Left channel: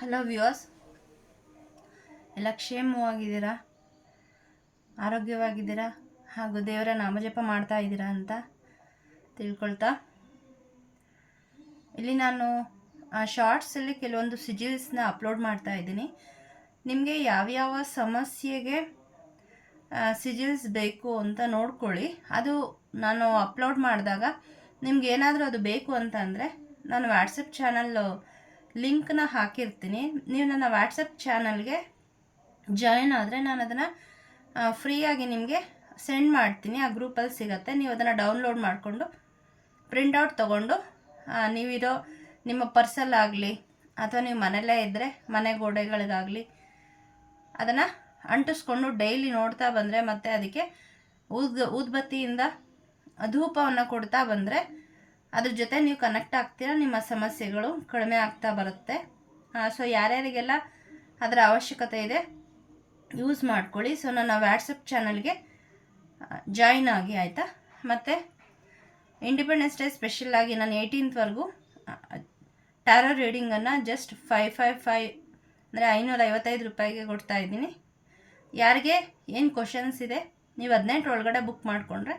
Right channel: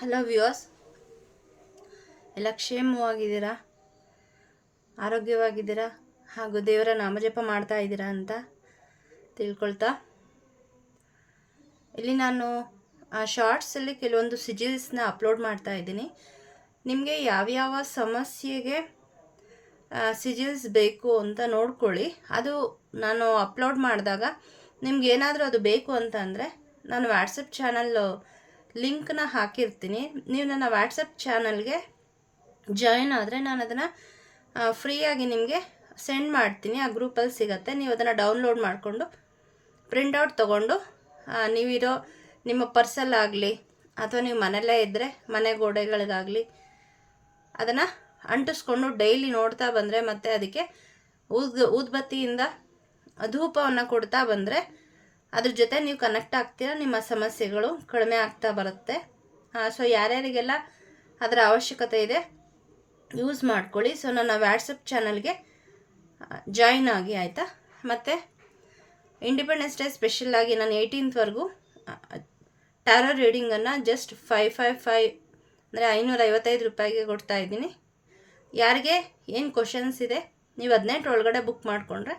Hello viewers ಎಲ್ಲ ಕ್ಷೇಮವಾಗಿದ್ದೀರಾ? ಆರೋಗ್ಯವಾಗಿದ್ದೀರಾ? ಹಾಗೂ ದೇವರ ನಾಮಜಪ ಮಾಡ್ತಾ ಇದ್ದೀರಾ ಅಂತ ತಿಳ್ಕೊಳ್ತಾ. ಇಲ್ಲಿ ನಾನು ಶಾರ್ಟ್ಸಲ್ಲಿ ಕೆಲವೊಂದು ಸಿಜಿಲ್ಸ್ನ ಅಪ್ಲೋಡ್ ಮಾಡ್ತಾ ಇದ್ದೀನಿ. ನಿಮಗೆ ಯಾವ್ಯಾವ ಸಮಸ್ಯೆಗೆ ಸಿಜಿಲ್ಸ್ ಬೇಕು ಅಂತ ನೋಡ್ಕೊಳ್ಳಿ. ಅದು ನಾನು ಅಪ್ಲೋಡ್ ಮಾಡಿದಾಗ ನಿಮ್ಗೆ ಏನಾದರೂ ಅದು ಬೇಕು ಅಂತ ಅಂದರೆ, ನಾನು ವಾಟ್ಸಪ್ ಚಾನಲ್ ಲಿಂಕ್ನ ಹಾಕಿರ್ತೀನಿ. ನೀವು ನನ್ನ ವಾಟ್ಸಪ್ ಚಾನಲ್ಗೆ ಜಾಯಿನ್ ಆದರೆ ನಾನು ಅದನ್ನು ಫ್ರೀಯಾಗಿ ನಿಮಗೆ ಸೆಂಡ್ ಮಾಡ್ತೀನಿ. ಆ ಗ್ರೂಪಲ್ಲಿ ಸಿಗತ್ತೆ. ನೀವು ಅದನ್ನು ಡೌನ್ಲೋಡ್ ಮಾಡಿಕೊಂಡು ಪ್ರಿಂಟೌಟ್ ತೊಗೊಂಡು ನೀವಿರೋ ನಿಮ್ಮ ಪರ್ಸಲ್ಲಾಗಲಿ ಅಥವಾ ನೀವು ಮನೆಯಲ್ಲೇ ಇದ್ದರೆ ಮನೆ ಗೋಡೆಗಳಿಗಾಗಲಿ ಅದನ್ನು ಅಂಟಿಸ್ಕೊಂಡು ಡೈಲಿ ನೋಡ್ತಾ ಬಂದರೆ ಮತ್ತು ಅದಕ್ಕೆ ಊದ್ ಊದ್ಬತ್ತಿಯಿಂದ ಧೂಪವನ್ನು ಕೊಡ್ತಾ ಬಂದರೆ ಅದ್ರ ಜೊತೆ ನೀವು ಕನೆಕ್ಟ್ ಆಗ್ತೀರ, ನಿಮ್ಮ ಸಮಸ್ಯೆಗಳು ಕಡಿಮೆ ಆಗ್ತಾ ಬರುತ್ತೆ. ಸೊ ಯಾರ್ಯಾರಿಗೆಲ್ಲ ಅದರ ಅವಶ್ಯಕತೆ ಇದೆ ಯೂಸ್ ಮಾಡ್ಕೊಳ್ಳಿ. ಸೊ ನನ್ನ ವ್ಯಾಟ್ಸಪ್ ಚಾನಲ್ಗೆ ಜಾಯಿನ್ ಆಗಿ, ಆಯಿತಾ? ಮತ್ತು ಇಂಡಿಪೆಂಡೆನ್ಸ್ ಡೇ ಸ್ಪೆಷಲಾಗಿ ನಾನು ಏಯ್ಟೀನ್ತ್ವರೆಗೂ ಟ್ಯಾರೋ ರೀಡಿಂಗನ್ನು ಜಸ್ಟ್ ಫೈವ್ ಫೈವ್ ಫೈವ್ ಅಂದರೆ ಐನೂರ ಐವತ್ತೈದು ರೂಪಾಯಿಗೆ ಕೊಡ್ತಾ ಇದ್ದೀನಿ. ಯಾರಿಗೆ ಏನು ಕ್ವಶನ್ಸ್ ಇದೆ, ನೀವು ಹದಿನೆಂಟು ಒಳಗಡೆ ಬುಕ್ ಮಾಡಿಕೊಂಡ್ರೆ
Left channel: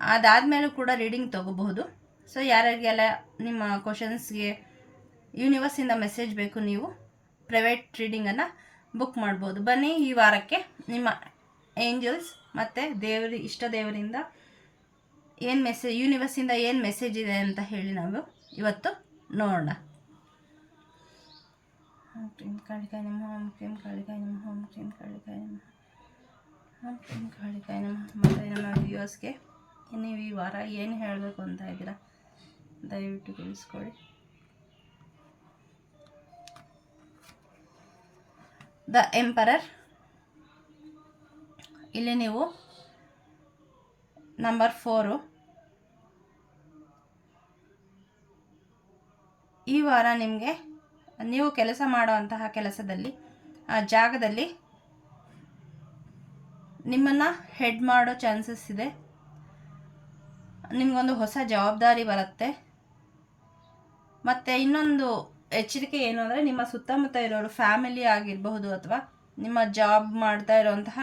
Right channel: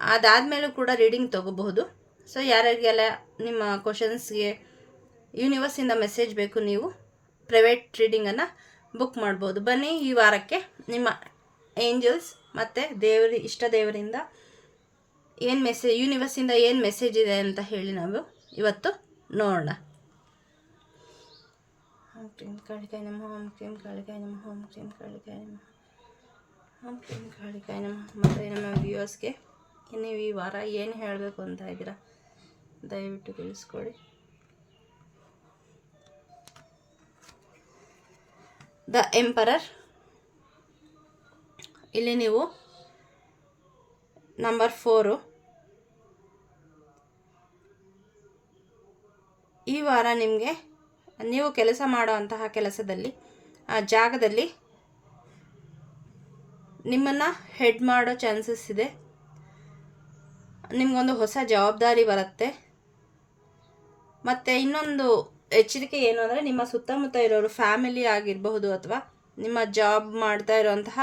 ಅದಾದಮೇಲೂ ಕೂಡ ರೀಡಿಂಗ್ ತೊಗೋಬಹುದು. ಸೊ ಯಾರಿಗೆಲ್ಲ ನಿಮ್ಮ ಕ್ವಶನ್ಸ್ಗೆ ಯೂನಿವರ್ಸಿಂದ ಮೆಸೇಜ್ ಬೇಕು ನೀವು ಪ್ರೈವೇಟ್ ರೀಡಿಂಗನ್ನು ಬುಕ್ ಮಾಡ್ಬೋದು. ಬನ್ನಿ ಈ ವಾರಕ್ಕೆ ನಿಮ್ಮ ಏಂಜಲ್ಸ್ ಮತ್ತು ದೇವರ, ಇಷ್ಟ ದೇವರಿಂದ ಏನು ಮೆಸೇಜ್ ಯೂನಿವರ್ಸಿಂದ ಏನು ಮೆಸೇಜ್ ಇದೆ ಅಂತ ಹೇಳಿ ನಾವು ಇವತ್ತು ನೋಡೋಣ. ಓಂ ಕಾಳಿಕಾಯಿ ನಮಃ ಓಂ ಕ್ರೀಂ ಕಾಳಿಕಾಯಿ ನಮಃ ಓಂ ಕ್ರೀಂ ಕಾಳಿಕಾಯ ನಮಃ ಓಂ ಕ್ರೀಂ ಕಾಳಿಕಾಯ ನಮಃ ಮತ್ತು ನಮ್ಮ ವ್ಯೂವರ್ಸ್ಗೆ ನೀವು ಈ ವಾರ ಏನು ಹೇಳಬೇಕು ಅಂತ ಇದ್ದೀರಾ? ದಯವಿಟ್ಟು ತಿಳಿಸ್ಕೊಡಿ. The emperor. ಇಲ್ಲಿ ನೀವು ನಂಬರ್ ಫೋರು. ಈ ವಾರ ನಿಮಗೆ ನೀವು ಕೆಲಸ ಮಾಡುವಂತಹ ಕೆಲಸದಲ್ಲಿ, ಆ ಜಾಗದಲ್ಲಿ ನಿಮ್ಮನ್ನು ಹೆಡ್ ಮಾಡೋ ಚಾನ್ಸಸ್ ಇದೆ. ನಿಮಗೊಂದು ಹೊಸ ಜವಾಬ್ದಾರಿ ಬರುತ್ತೆ. ಮತ್ತು ಇನ್ನೊಂದು ಎಚ್ಚರಿಕೆ ಏನು ಅಂದರೆ ನಿಮ್ಮ ಸುತ್ತಮುತ್ತ ಇರೋರು, ಫ್ಯಾಮಿಲಿ ಆಗಿರಬಹುದು ಅಥವಾ ನಿಮ್ಮ ಜಾಬ್ ಮಾಡ್ತಾ ಇರೋಂತಹ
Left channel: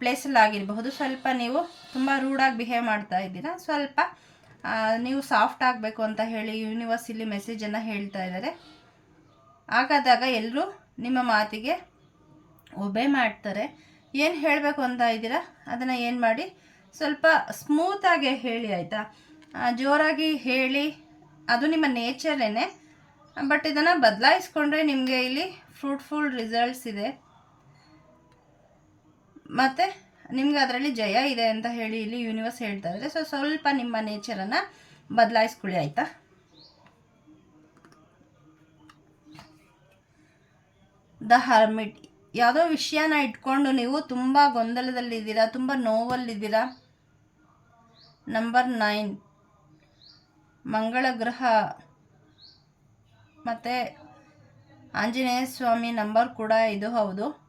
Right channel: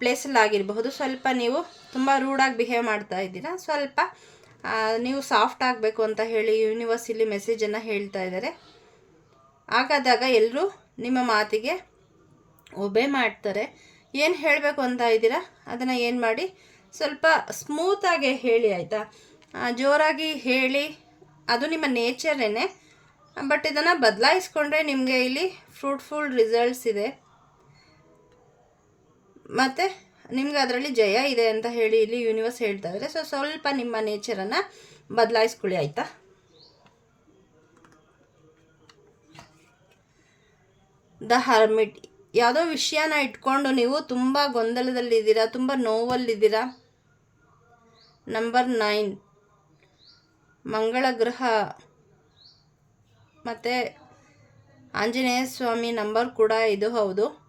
ಪ್ಲೇಸಲ್ಲಿ ಆಗಿರಬಹುದು, ಸ್ವಲ್ಪ ನೀವು ತುಂಬ ರೂಡಾಗಿ ಬಿಹೇವ್ ಮಾಡ್ತಾ ಇದ್ದೀರಾ. ಸ್ವಲ್ಪ ನೀವು ಸಾಫ್ಟ್ ಆಗಬೇಕು ಅಂತ ಹೇಳಿ ಯೂನಿವರ್ಸ್ ಇಲ್ಲಿ ಮೆಸೇಜನ್ನು ಹೇಳ್ತಾ ಇದ್ದಾರೆ. ಹಾಗಾದಾಗ ಎಲ್ಲರೂ ನಿಮ್ಮ ಮಾತಿಗೆ ಒಬೆ ಮಾಡ್ತಾರೆ. ಏನು ಹೇಳಬೇಕು ಅಂತ ಇದ್ದೀರಾ? ಅದನ್ನು ಏನು ಮಾಡಿ ಸ್ವಲ್ಪ ಸ್ಮೂತಾಗೆ ಹೇಳಿ, ಆಯಿತಾ? ಜೋರಾಗಿ ಹೇಳಿ. ಅದು ನಿಮ್ಮ ನೇಚರೇನೆ ಬಟ್ ಇದನ್ನು ಬದಲಾಯಿಸ್ಕೊಂಡ್ರೆ ನಿಮಗೆ ಇಲ್ಲಿ ಫ್ರೂಟ್ಫುಲ್ ರಿಸಲ್ಟ್ಸ್ ಇದೆ. ಮತ್ತು ನಿಮ್ಗೆ ಅದರಲ್ಲಿ ಜಯ ಇದೆ ಅಂತ ಹೇಳಿ ಇಲ್ಲಿ ಯೂನಿವರ್ಸ್ ಹೇಳ್ತಾ ಇದ್ದಾರೆ ಸೊ ಸ್ವಲ್ಪ ನಿಮ್ಮ ನೇಚರನ್ನು ಬದಲಾಯಿಸ್ಕೊಳ್ಳಿ, ಆಯಿತಾ? The hermit. ಯಾವುದೋ ವಿಷಯನ ಇಟ್ಕೊಂಡು ನೀವು ತುಂಬ ಗೊಂದಲದಲ್ಲಿದ್ದೀರಾ, ತುಂಬ ನೋವಲ್ಲಿದ್ದೀರಾ? ನಂಬರ್ ನೈನ್ ಮಂಗಳ ಗ್ರಹ ಮತ್ತು ಆಂಜನೇಯ ಸ್ವಾಮಿ ನಂಬರ್ ಕೂಡ ಇದು ಹೌದು.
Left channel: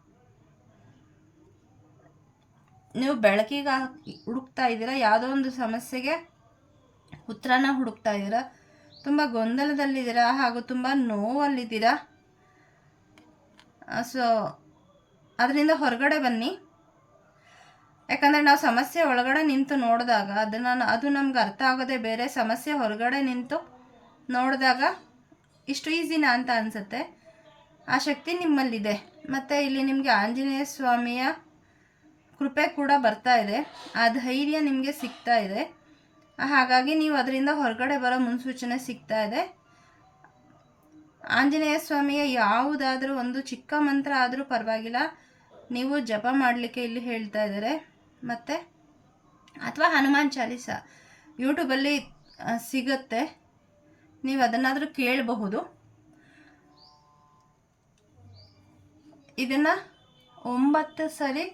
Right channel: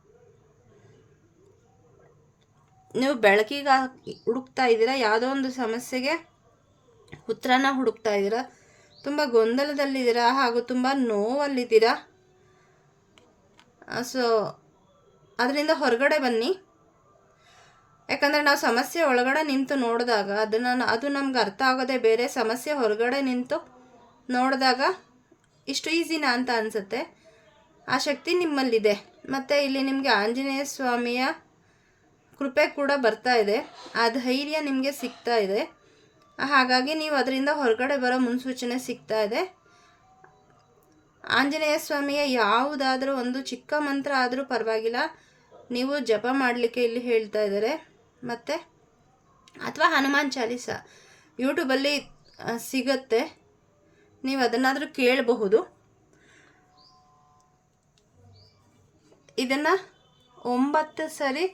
ನೀವು ಬೆಳಕಿಗೆ ಹುಡುಕ್ತಾ ಇದ್ದೀರಾ? ಯಾವುದೋ ಒಂದು ಸಮಸ್ಯೆಗೆ ಉತ್ತರನ ಹುಡುಕ್ತಾ ಇದ್ದೀರಾ? ತುಂಬ ಗೊಂದಲದಲ್ಲಿದ್ದೀರಾ? ಹಾಗೂ ತುಂಬ ನೋವಲ್ಲಿದ್ದೀರಾ? ಸೊ ಅದರಿಂದ ಹೊರಗಡೆ ಬನ್ನಿ. ಯಾಕಂದರೆ ನಾವು ಸಮಸ್ಯೆ ಒಳಗಡೆ ನಿಂತು ನೋಡಿದಾಗ ಅದನ್ನು ಅದು ನಮ್ಗೆ ಅರ್ಥ ಆಗೋದೇ ಬೇರೆ, ಸಮಸ್ಯೆ ಹೊರಗಡೆ ನಿಂತು ನೋಡಿದಾಗ ಇಷ್ಟು ಈಸಿನಾ ಅಂತ ಅನಿಸುತ್ತೆ. ಆ ಶಕ್ತಿ ನಿಮ್ಮಲ್ಲಿದೆ. ಮತ್ತು ಇಲ್ಲಿ ನಿಮಗೆ ಆಂಜನೇಯ ಸ್ವಾಮಿಯ ಕೃಪೆ ಕೂಡ ಬರ್ತಾ ಇದೆ. ಆ ಧೈರ್ಯ ನಿಮಗೆ ಸಿಗ್ತಾ ಇದೆ. ಹಾಗಾಗಿ ನೀವು ಅದರಿಂದ ಹೊರಗಡೆ ಬರೋ ಮುನ್ಸೂಚನೆ ಸಿಗ್ತಾ ಇದೆ. ಆಂಜನೇಯ ಸ್ವಾಮಿಯ ಯಾವುದಾದ್ರೂ ಒಂದು ಚಿಕ್ಕ ಮಂತ್ರ ಆದರೂ ಪರವಾಗಿಲ್ಲ. ನೀವು ಜಪ ಮಾಡಲಿಕ್ಕೆ ಇಲ್ಲಿ ಹೇಳ್ತಾ ಇದ್ದಾರೆ. ಮತ್ತು? ಅಥವಾ ಹನುಮಾನ್ ಚಾಲೀಸ ಯೂಟ್ಯೂಬಲ್ಲಿ ಸಿಗತ್ತೆ. ನೀವು ಅದನ್ನಾದರೂ ಕೇಳಬಹುದು. ಇದನ್ನು ಒಂಬತ್ತು ಸರಿ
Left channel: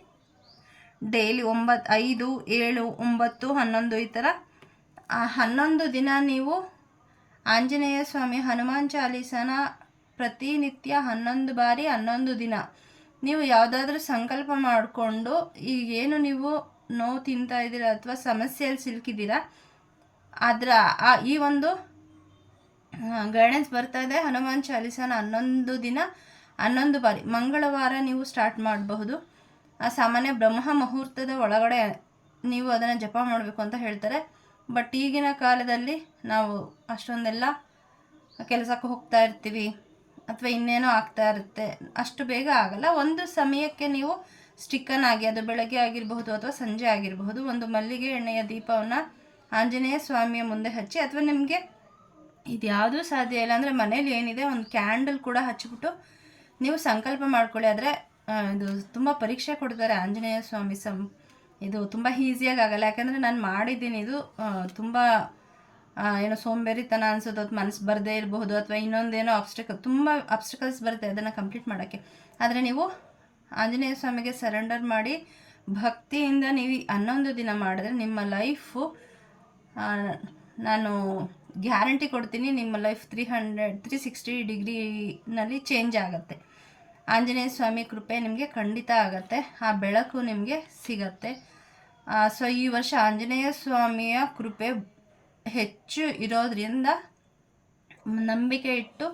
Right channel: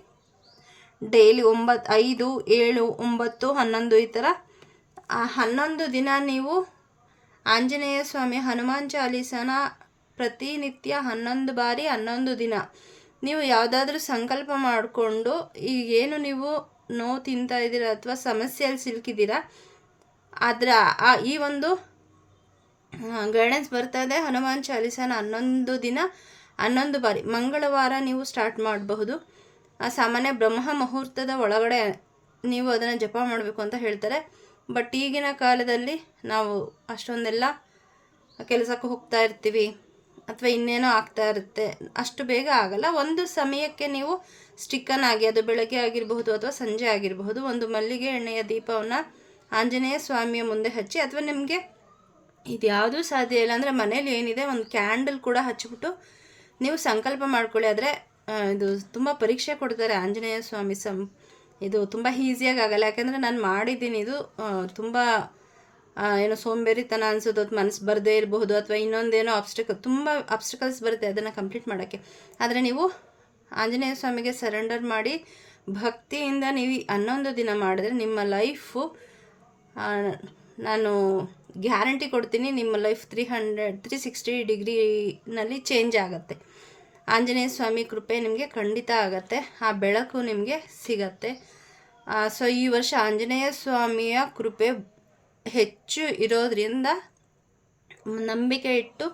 ಡೈಲಿ ಒಂಬತ್ತು ಐದು, ಏಳು, ಒಂಬತ್ತು, ಹನ್ನೊಂದು ಈ ಥರ ಹನ್ನೊಂದು ದಿನ ನೀವು ಆಂಜನೇಯ ಸ್ವಾಮಿ ಹನುಮಾನ್ ಚಾಲೀಸನ ಪ್ರತಿನಿತ್ಯ ಹನ್ನೊಂದು ಬಾರಿ ಹನ್ನೊಂದು ದಿನ ನೀವು ಯಾವುದಾದ್ರೂ ಸಂಕಲ್ಪ ಮಾಡಿಕೊಂಡು ಈಗೇನು ನೀವು ನೋವು ತಿಂತಾ ಇದ್ದೀರಾ ಅಥವಾ ಸಮಸ್ಯೆಯಲ್ಲಿ ಸಿಲುಕಿದ್ದೀರಾ ಅದರ ಈ ಒಂದು ಗೈಡೆನ್ಸ್ ಬರ್ತಾ ಇದೆ. ಹನುಮಾನ್ ಚಾಲೀಸನ ಹನ್ನೊಂದು ದಿನ, ಹನ್ನೊಂದು ಬಾರಿ, ಮಂಗಳವಾರ ನೀವು ಸ್ಟಾರ್ಟ್ ಮಾಡಬಹುದು. ಆ ಸಾಮಾನ್ಯ ಬ್ರಹ್ಮ ಮುಹೂರ್ತದ ಒಳಗಡೆ ನೀವು ಅದನ್ನು ಜಪ ಮಾಡಬೇಕು ಅಂತ ಹೇಳ್ತಾರೆ. ಬಟ್ ಈಗಿನ ಕಾಲದಲ್ಲಿ ನಾವು ಅಷ್ಟೊಂದೆಲ್ಲ ಕೆಲಸಕ್ಕೆ ಹೋಗ್ತಾ ಇರ್ತೀವಿ. ಅಥವಾ ಇನ್ನೇನೋ ಆಗ್ತಾ ಇರುತ್ತೆ, ಅಷ್ಟು ಬೇಗ ಆಗಲ್ಲ. ಒಂದು ಸಮಯಕ್ಕೆ ನೀವು ಸ್ಟಿಕ್ಕನ್ ಆಗಿ, ಅದು ಬೆಳಗ್ಗೆ ಆಗಿರಬಹುದು ಅಥವಾ ಸಂಜೆ ಆಗಿರಬಹುದು, ಒಂದು ಮಲ್ಲಿಗೆ ಎಣ್ಣೆಯ ದೀಪವನ್ನು ಆಂಜನೇಯ ಸ್ವಾಮಿಯ ಮುಂದೆ ಹಚ್ಚಿ, ಅಥವಾ ನಿಮಗೆ ಇದು ಯಾವುದೂ ಸಾಧ್ಯ ಇಲ್ಲ ಅಂದರೆ ಮನೇಲಿ ಏನಿದೆ, ಒಂದು ಕ್ಯಾಂಡಲ್ ಕೂಡ ಹಚ್ಚಿಬಿಟ್ಟು ನೀವು ಸಂಕಲ್ಪ ಮಾಡ್ಕೊಳ್ಳಿ. ಆದರೆ ಇದು ತುಂಬ ಪರೀಕ್ಷೆ ಕೊಡ್ತಾರೆ ಆಂಜನೇಯ ಸ್ವಾಮಿ ಸಂ ಇದು ತುಂಬ ಈಸಿಯಾಗಿ ಆಗಲ್ಲ. ಯಾಕಂದರೆ ನಾನು ಮಾಡಿದ್ದೀನಿ, ಇದು ತುಂಬ ಏನೋ ಸೋಂಬೇರಿತನ ಅನ್ಸೋದು ಅಥವಾ ಮನಸ್ಸು ಬರದೇ ಇರಬಹುದು, ಅಥವಾ ಇನ್ನೊಂದೇನೋ ಆಬ್ಸ್ಟಕಲ್ ತುಂಬ ಆಬ್ಸ್ಟಕಲ್ಸ್ ಬರುತ್ತೆ ಅದನ್ನು ಕಂಪ್ಲೀಟ್ ಮಾಡೋಕ್ಕೆ. ಆದರೆ ನೀವು ಆಂಜನೇಯ ಸ್ವಾಮಿಗೆ ಸರೆಂಡರ್ ಮಾಡಿ ಭಕ್ತಿಯಿಂದ ನೀವು ಹನ್ನೊಂದು ದಿನ ಮಾಡಿದ್ರೆ ನಿಮ್ಮ ಲೈಫು ನಾನು ಗ್ಯಾರಂಟಿ ಕೊಡ್ತೀನಿ ನಿಮ್ಮ life three hundred three sixty ಡಿಗ್ರಿನಲ್ಲಿ change ಆಗುತ್ತೆ. ಆಂಜನೇಯ ಸ್ವಾಮಿ ಕೃಪೆ ನಿಮಗೆ ಖಂಡಿತ ಆಗುತ್ತೆ, ಆ ಬೆಳಕು ನಿಮಗೆ ಸಿಗತ್ತೆ. ಸೊ ಈ ವರ್ಷ ಆಂಜನೇಯ ಸ್ವಾಮಿಯ ಕೃಪೆ ಹೆಚ್ಚು ಇರೋದರಿಂದ ನಂಬಿಕೆ ಇಟ್ಟು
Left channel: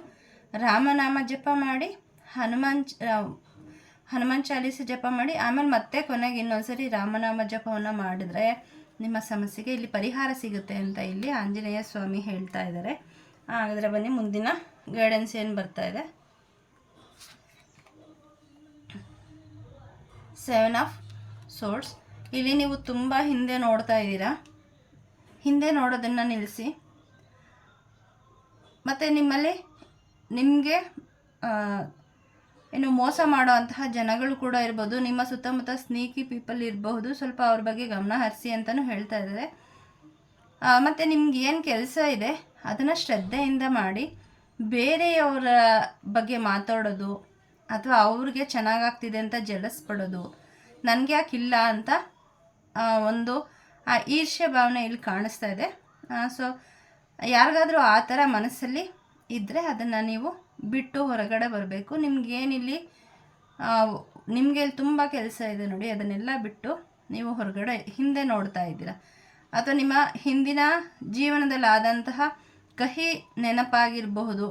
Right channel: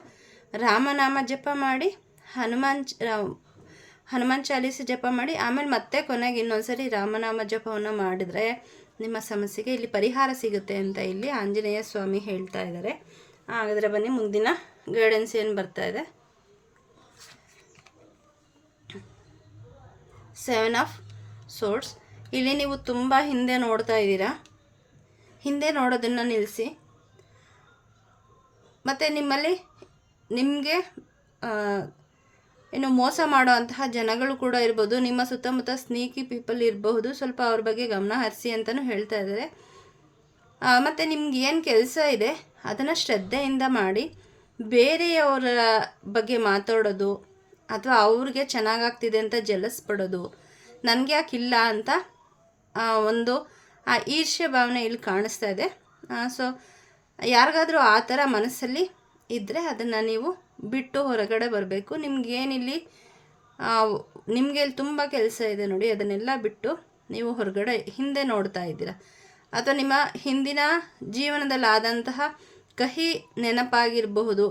ರಾಮನಾಮ ಜಪ ಮಾಡಿ, ಹನುಮಾನ್ ಹನುಮಾನ್ ಚಾಲೀಸ ಜಪ ಮಾಡಿ, ಆಮೇಲೆ ಮತ್ತೆ ಕೊನೆಗೆ ಇನ್ನೊಂದ್ಸರಿ ರಾಮನಾಮ ಜಪವನ್ನು ಮಾಡಿದ್ರೆ ನಿಮ್ಮ ಸಮಸ್ಯೆಗೆ ಇಲ್ಲಿ ಪರಿಹಾರ ಸಿಗುತ್ತೆ ಅಂತ ಇಲ್ಲಿ ಆಂಜನೇಯ ಸ್ವಾಮಿ ಹೇಳ್ತಾ ಇದ್ದಾರೆ. ಹಾಗಾದರೆ ಬನ್ನಿ, ಮುಂದಿನ ಗೈಡೆನ್ಸ್ ಏನು ಬರ್ತಾ ಇದೆ? ಸೆವೆನ್ ಆಫ್ ಸೋರ್ಸ್ ಇಲ್ಲಿ ನೀವು ತುಂಬ ಹಿಂದೆ ನೋಡ್ತಾ ಇದ್ದೀರಾ. ಹಿಂದೆ ನೋಡೋದನ್ನು ನಿಲ್ಲಿಸಿ. ಮತ್ತು ನಿಮ್ಮಲ್ಲಿ ನಿಮಗೆ ಏನು ಮೋಸ ಮಾಡುವಂತಹ ಜನಗಳು ಕೂಡ ಇರ್ಬೋದು. ನಿಮ್ಮ ಸುತ್ತಮುತ್ತ ಸ್ನೀಕಿ ಪೀಪಲ್ ಇರಬಹುದು. ಸ್ವಲ್ಪ ಅವ್ರ ಬಗ್ಗೆ ಗಮನ ಹರಿಸಿ ಅಂತಲೂ ಹೇಳ್ತಾ ಇದ್ದಾರೆ. ಮತ್ತು ನಿಮ್ಗೆ ಏನು ಕೆಲಸ ಇದೆ? ಅದನ್ನು ಶ್ರದ್ಧೆಯಿಂದ ಮಾಡಿ. ಬೇರೆಯವರ ಬಗ್ಗೆ ಮಾತಾಡೋದು ಅಥವಾ ಅವ್ರಿಗೆ ಚೆನ್ನಾಗಾಗ್ತಿದೆ ಅಂತ ಜಲಸ್ ಪಡೋದು. ನನಗೆ ಯಾಕಿಲ್ಲ ಅಂತ ಒಂದು ಆ ಈರ್ಷ್ಯ ಭಾವನೆ ಇಲ್ಲಿ ಕಾಣಿಸ್ತಾ ಇದೆ. ಸೊ ಯಾರಿಗಾದರೂ ಆ ಥರ ಮನಸ್ಸಲ್ಲಿ ಇದ್ದರೆ ಅದನ್ನು ನೀವು ಬಿಟ್ಟು ಹೊರಗಡೆ ಬರಬೇಕು. ನಿಮಗೇನಿಲ್ಲಿ ನಿಮಗೆ ಇಲ್ಲಿ ತುಂಬ ಕೆಲಸ ಇದೆ ನೋಡಿ, ಅದನ್ನೆಲ್ಲ ಬಿಟ್ಟು ನೀವು ಹೊರಗಡೆ ಹಿಂದೆ ನೋಡ್ತಾ ಇದ್ದೀರಾ. ಅಥವಾ ನಿಮ್ಮ ಹಿಂದಿನ ಜೀವನದಲ್ಲಿ ಆದಂತಹ ಕಹಿ ನೆನಪಾಗಿರಬಹುದು.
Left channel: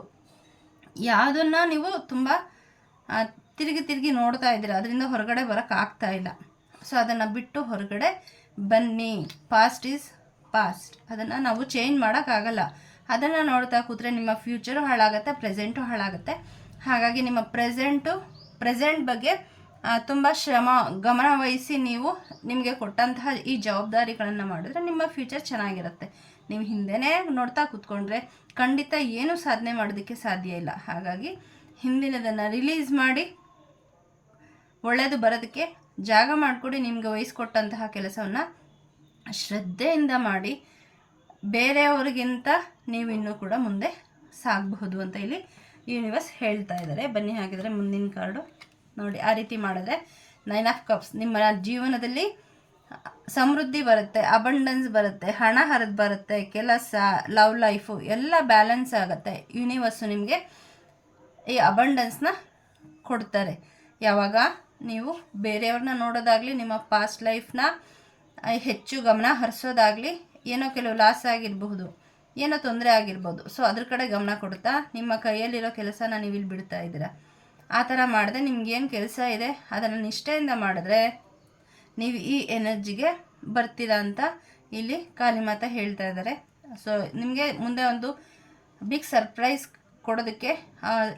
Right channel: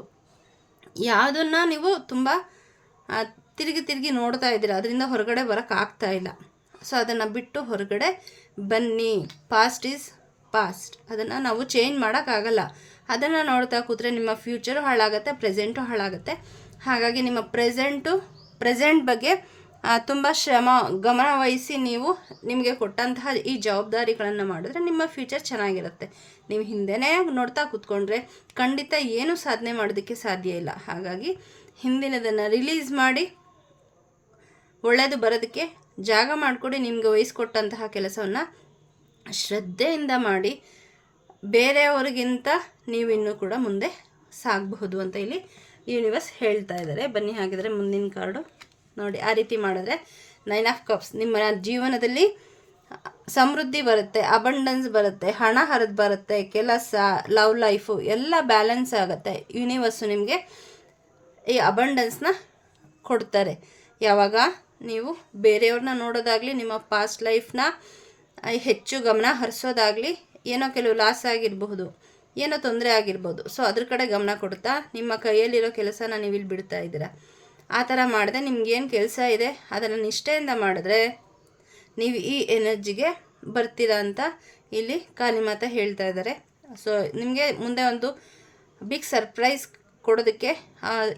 ಯಾವುದನ್ನು ನೀವು ತುಂಬ ತಿರುಗಿ ತಿರುಗಿ ನೋಡ್ತಾ ಇದ್ದೀರಾ. ಅದರಿಂದ ಹೊರಗಡೆ ಬರೋಕ್ಕಾಗ್ತಾ ಇಲ್ಲ. ಸೊ ಅದನ್ನು ಬಿಟ್ಟು ಹೊರಗಡೆ ಬನ್ನಿ. ಪಾಸ್ಟ್ ಈಸ್ ಪಾಸ್ಟ್ ಅದನ್ನು ನಾವು ಚೇಂಜ್ ಮಾಡೋಕ್ಕಾಗಲ್ಲ ಅದನ್ನು ನೋಡ್ತಾ ಕೂತ್ರೆ ನಿಮ್ಮ ಫ್ಯೂಚರು ಹಾಳಾಗುತ್ತೆ ಪ್ರೆಸೆಂಟು ಹಾಳಾಗುತ್ತೆ. ಹಾಗಾಗಿ ನಿಮ್ಮ ಪ್ರೆಸೆಂಟು ಪ್ರೆಸೆಂಟ್ ಬಗ್ಗೆ ತುಂಬ ಶ್ರಮ, ಗಮನ ವಹಿಸಿ ನೀವು ನಿಮಗೆ ಕೊಟ್ಟಂತಹ ಈ ಜವಾಬ್ದಾರಿಗಳನ್ನು ಮಾಡಿದ್ರೆ ನಿಮ್ಮ ಫ್ಯೂಚರ್ ಚೆನ್ನಾಗಿರುತ್ತೆ. ನೀವು ಹಿಂದೆನೇ ನೋಡ್ತಾ ಕೂತ್ಕೊಂಡ್ರೆ ಖಂಡಿತ ಏನು ಸಾಧನೆ ಮಾಡೋದಕ್ಕೆ ಸಾಧ್ಯ ಇಲ್ಲ. ಹಾಗಾಗಿ ಹಿಂದಿನದನ್ನು ರಿಲೀಸ್ ಮಾಡಿ ಒಳ್ಳೆಯದು ಬರೋದಕ್ಕೆ ಜಾಗ ಮಾಡಿಕೊಡಿ, ನಿಮಗೆ ವಹಿಸ್ಕೊಟ್ಟಂತಹ ಕೆಲಸವನ್ನು ಶ್ರದ್ಧೆಯಿಂದ ಮಾಡಿ, ಬೇರೆಯವರಿಗಿಂತ ನೀವು ಇನ್ನೂ ಕೂಡ ಮುಂದೆ ಸಾಗಬಹುದು ಅಂತ ಇಲ್ಲಿ ಯೂನಿವರ್ಸ್ ಹೇಳ್ತಾ ಇದ್ದಾರೆ. ಬನ್ನಿ ಹಾಗಿದ್ರೆ ಮುಂದಿನ ಕಾರ್ಡು ನೋಡಿ. ಆ ರೀತಿ ಮಾಡಿದ್ರೆ ನೈನ್ ಆಫ್ ಕಪ್ಸ್. ನಿಮ್ಮ ಜೀವನದಲ್ಲಿ ಸಮೃದ್ಧಿ ಬರುತ್ತೆ ಅಬಂಡನ್ಸ್ ಬರುತ್ತೆ, ಹಣ ಹರಿದು ಬರುತ್ತೆ, ಕೆಲಸ, ಲವ್ ಲೈಫು ಎಲ್ಲ ಬ್ಯಾಲೆನ್ಸ್ ಆಗುತ್ತೆ. ಯೂನಿವರ್ಸು ನಿಮಗೆ ಈ ಅಬಂಡನ್ಸ್ನ ಕೊಡ್ತಾರೆ. ಯಾವಾಗ? ನೀವು ಬೇರೆಯವ್ರನ್ನ ನೋಡೋದಾಗಲಿ, ನಿಮ್ಮ ಪಾಸ್ಟ್ ಲೈಫ್ನ ಹೆಚ್ಚು ಗಮನ ಹರಿಸೋದಾಗಲಿ ಏನೋ ಕೆಲವು ಲಾಸ್ ಆಗಿರಬಹುದು, ಏನೋ ತೊಂದರೆ ಆಗಿರ್ಬೋದು. ಸೊ ಅದ್ರ ಕಡೆ ಗಮನ ಕೊಡ್ತಾ ನಿಮ್ಮ ಕೈಯಲ್ಲಿರೋ ಕೆಲಸನ ನೀವು ಇಲ್ಲಿ ಬಿಡ್ತಾ ಇದ್ದೀರಾ? ಆ ಥರ ಮಾಡಿದೆ ನಿಮ್ಗೇನು ಕೆಲಸ ಇದೆ? ಅದನ್ನು ನಿಷ್ಠೆಯಿಂದ ಮಾಡಿದ್ರೆ ನೀವು ಈ ಎನರ್ಜಿಗೆ ಬರ್ತೀರಾ ಅಂತ ಇಲ್ಲಿ ಖಾಲಿ ಮಾತ ಹೇಳ್ತಾ ಇದ್ದಾರೆ. ಸೊ ನಿಮಗೆ ಮುಂದೆ ಒಂದು ಬಿಗ್ ಸರ್ಪ್ರೈಸ್ ಕೊಡೋದಕ್ಕೆ